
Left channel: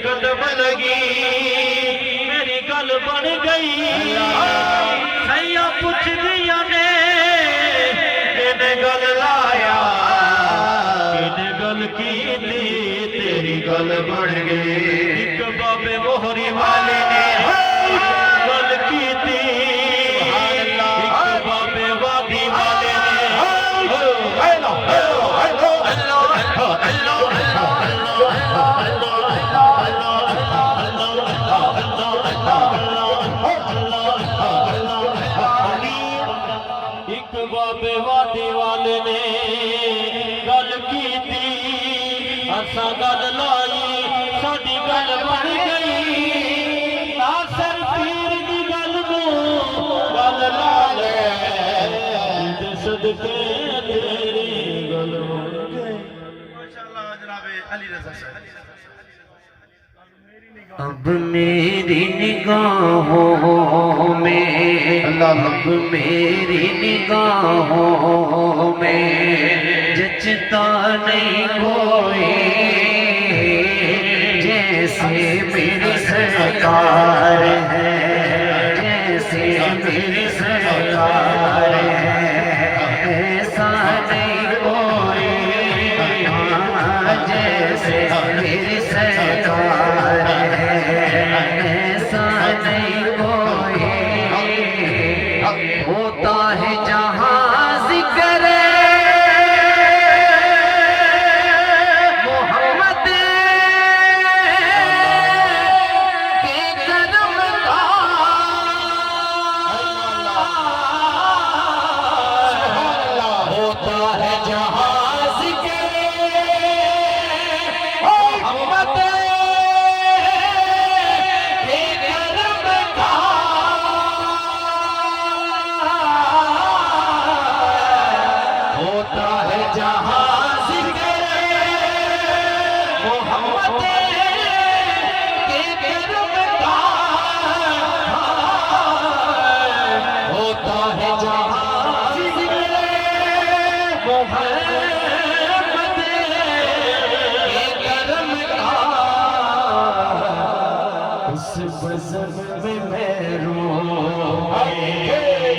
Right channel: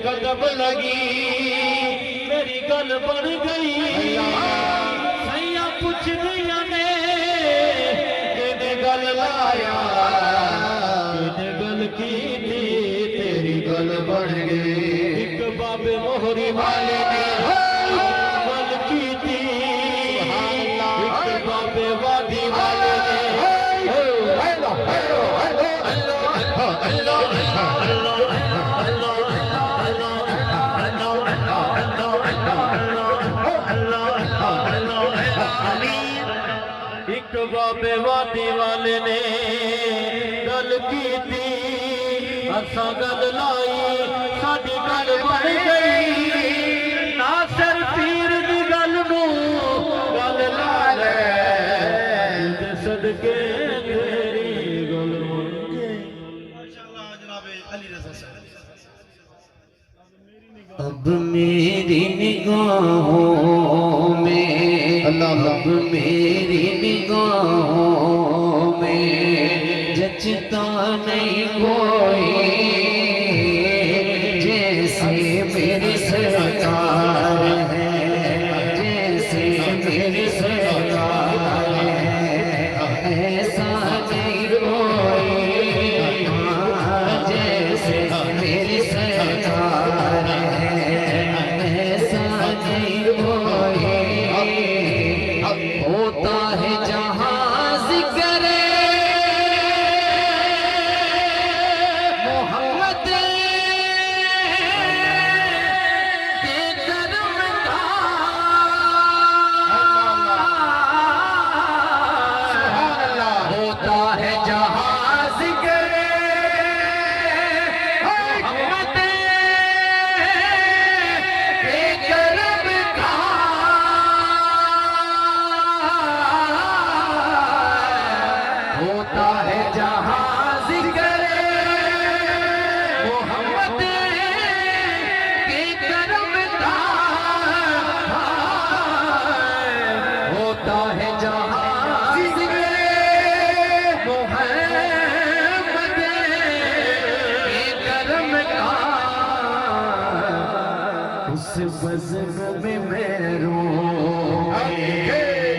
कदम लगी मेरी गल बन गई सैया पुछ दिया ने किने गल लाया किने गल की तेरी गल बन गई एक बाबे मोहरी वाले ने गल की थी एक बाबे वादी वाले ने बाबे वादी वाले ने गल की थी असा गल लाई साडी गल बन गई ना सर पीर दी गल नू गल ला ले सदके तेरी गल बन गई माशाअल्लाह जनाब अली रज़ा साहब अब मेरी निगाहों में अब मेरी निगाहों में जचता नहीं कोई जैसे मेरी सरकार है जैसे मेरी सरकार है ऐसा नहीं कोई जैसे मेरी सरकार होता है जहाँ जिक्र मोहम्मद के कदम का होता है जहाँ जिक्र मोहम्मद के कदम का होता है जहाँ जिक्र मोहम्मद के करम का होता है जहाँ जिक्र मोहम्मद के करम का उस बज़म में मैं रोऊं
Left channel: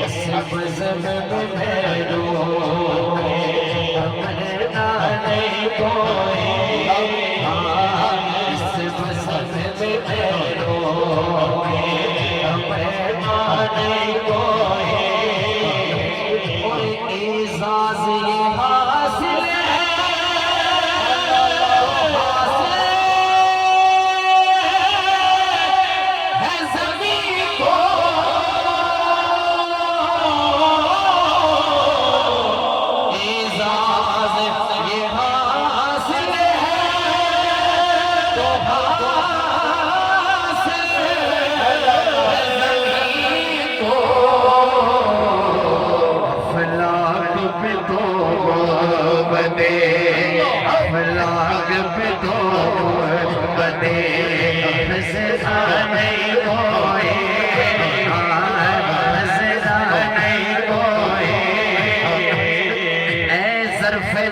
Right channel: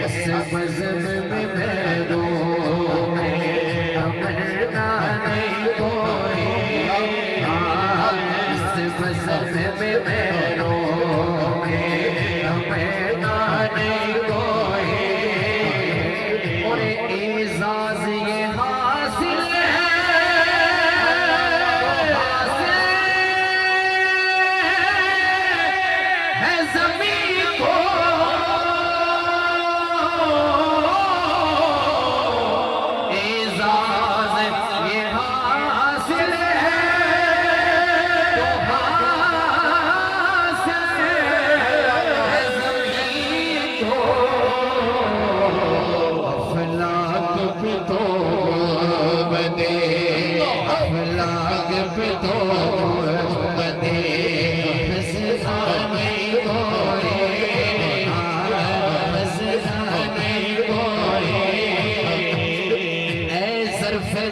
उस बज़म में मैं रोऊं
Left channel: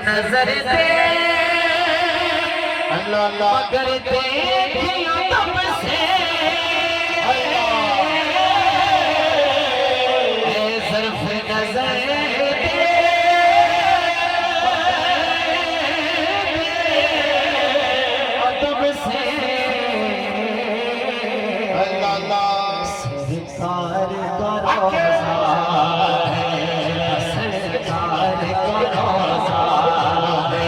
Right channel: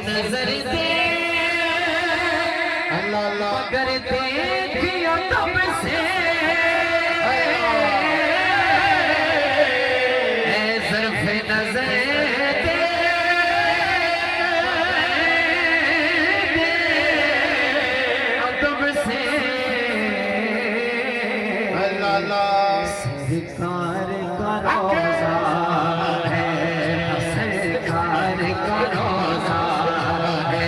नजर दे मगर देखिया तब से सिर्फ नजर दे तब से सरकार का रोज़ा है सरकार का रोज़ा है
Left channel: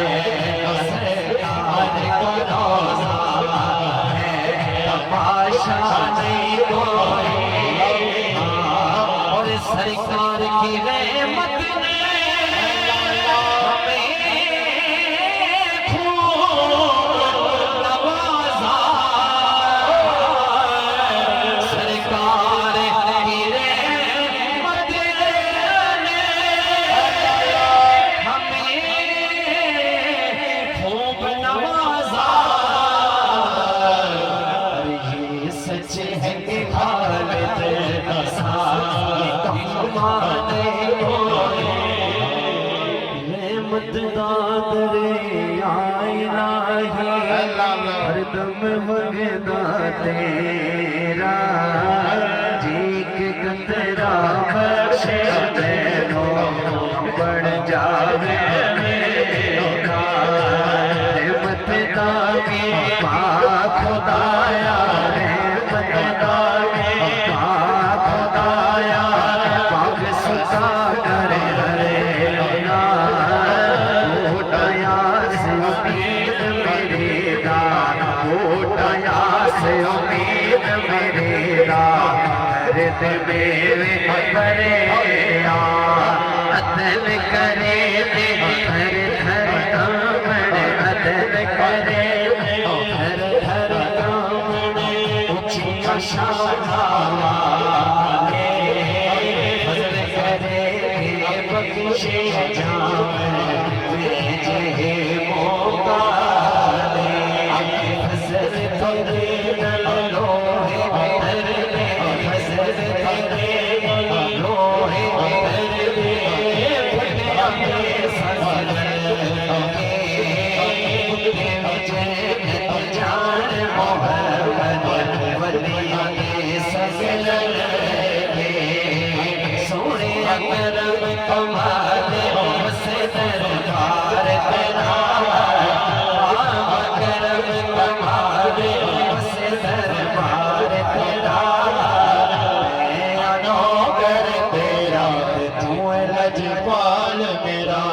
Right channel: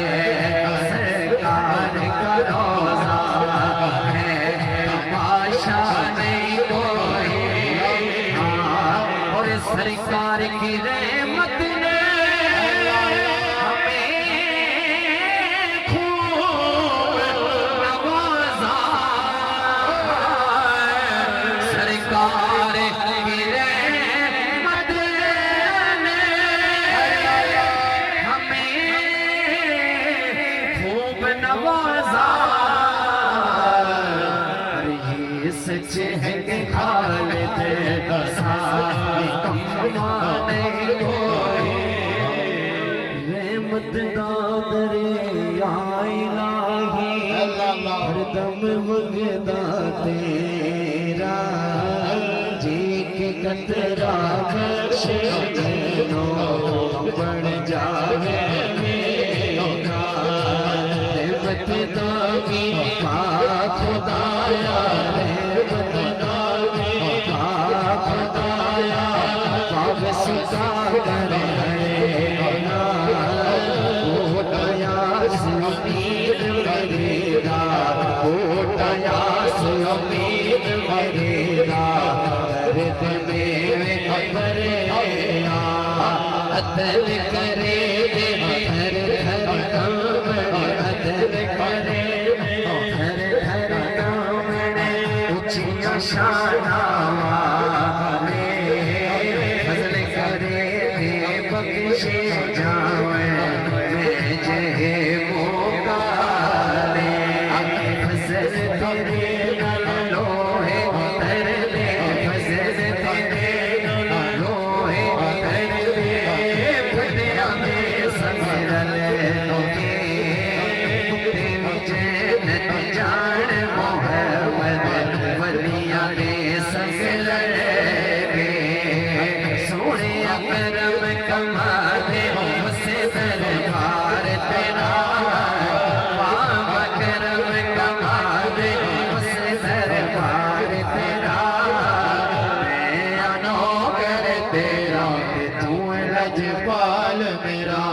दरियाए नाही हरदम वगदा तेरा जी के कतरा बख्शे मैनो बन जावे मेरा रहमत दागी पाक खुदाया रहमत दागी पाक खुदाया पाक सुता करे अदल करे दे हर हर कामड़े अदल करे हर हर कामड़े ऊंचिया शाना वाले फजल करे दे बख्शे जावे भेजे मोकाले फजल तेरे लोहे कर ले फजल तेरे लोहे रजपाल मेरा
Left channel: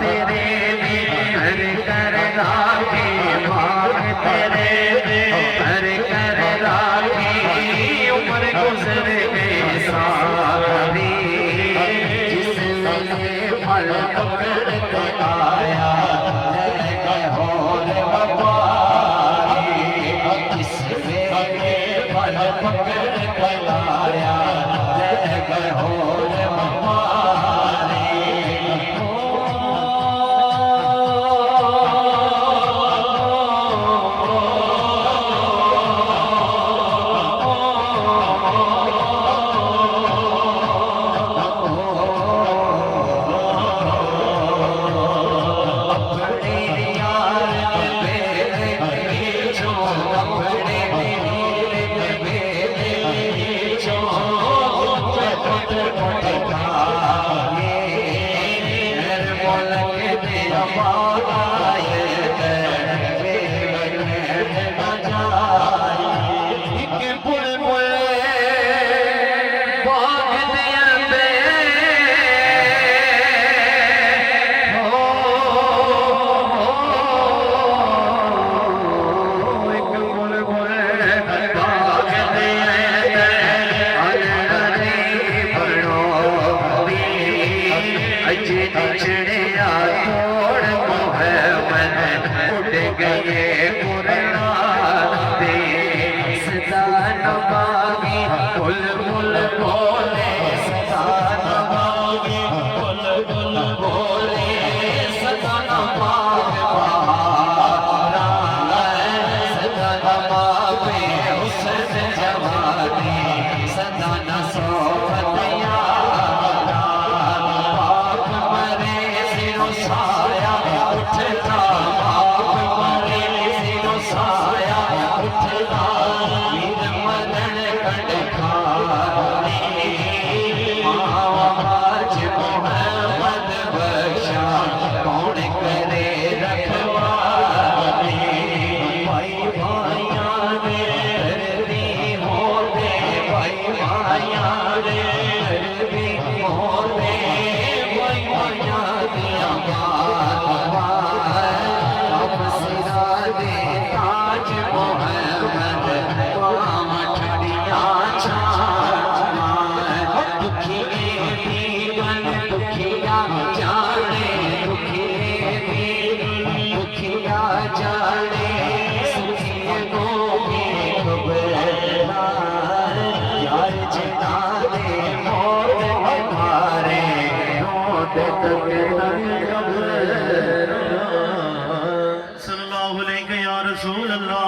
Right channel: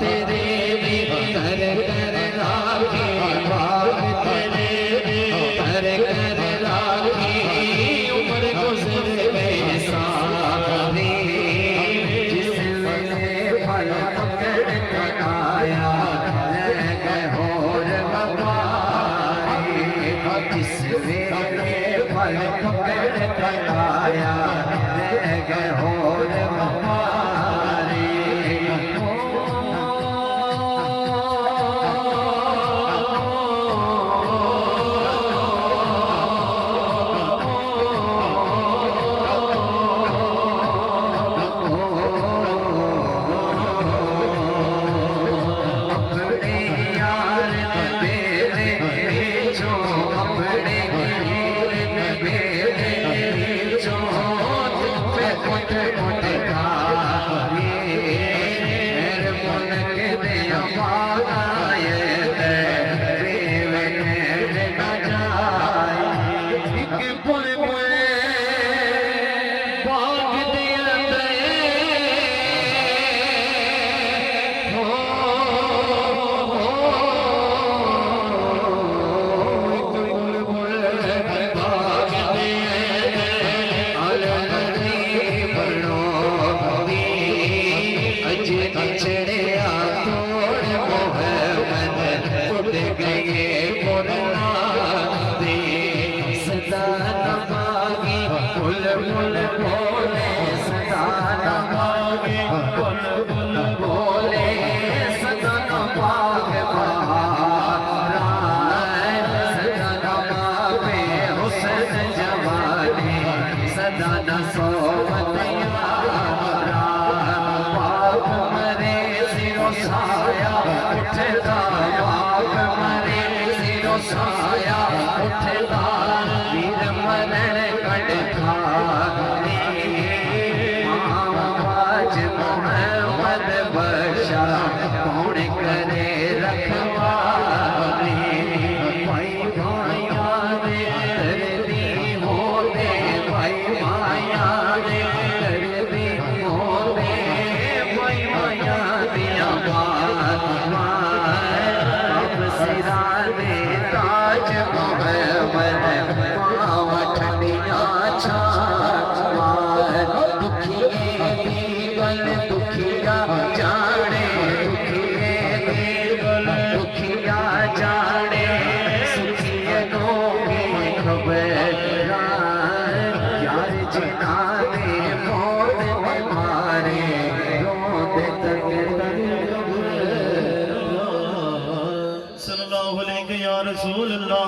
तेरे कर कर राखी बाग तेरे कर कर राखी उम्र गुजर गई सारी जिस वेले फल पकड़ते आया लगे होर वफारी जिस वेले फल पकड़ते आया लगे होर वफारी साया उठता बाप आज मोहम्मद पाम ठंडिया छाड़ दुखिए दीवन दुखिया जाने दुखिए दुखिया जाने सुखिए को खबर यार जिनाने मोरे मारे रोते तक सल्लल्लाहु अलैहि या रसूल अल्लाह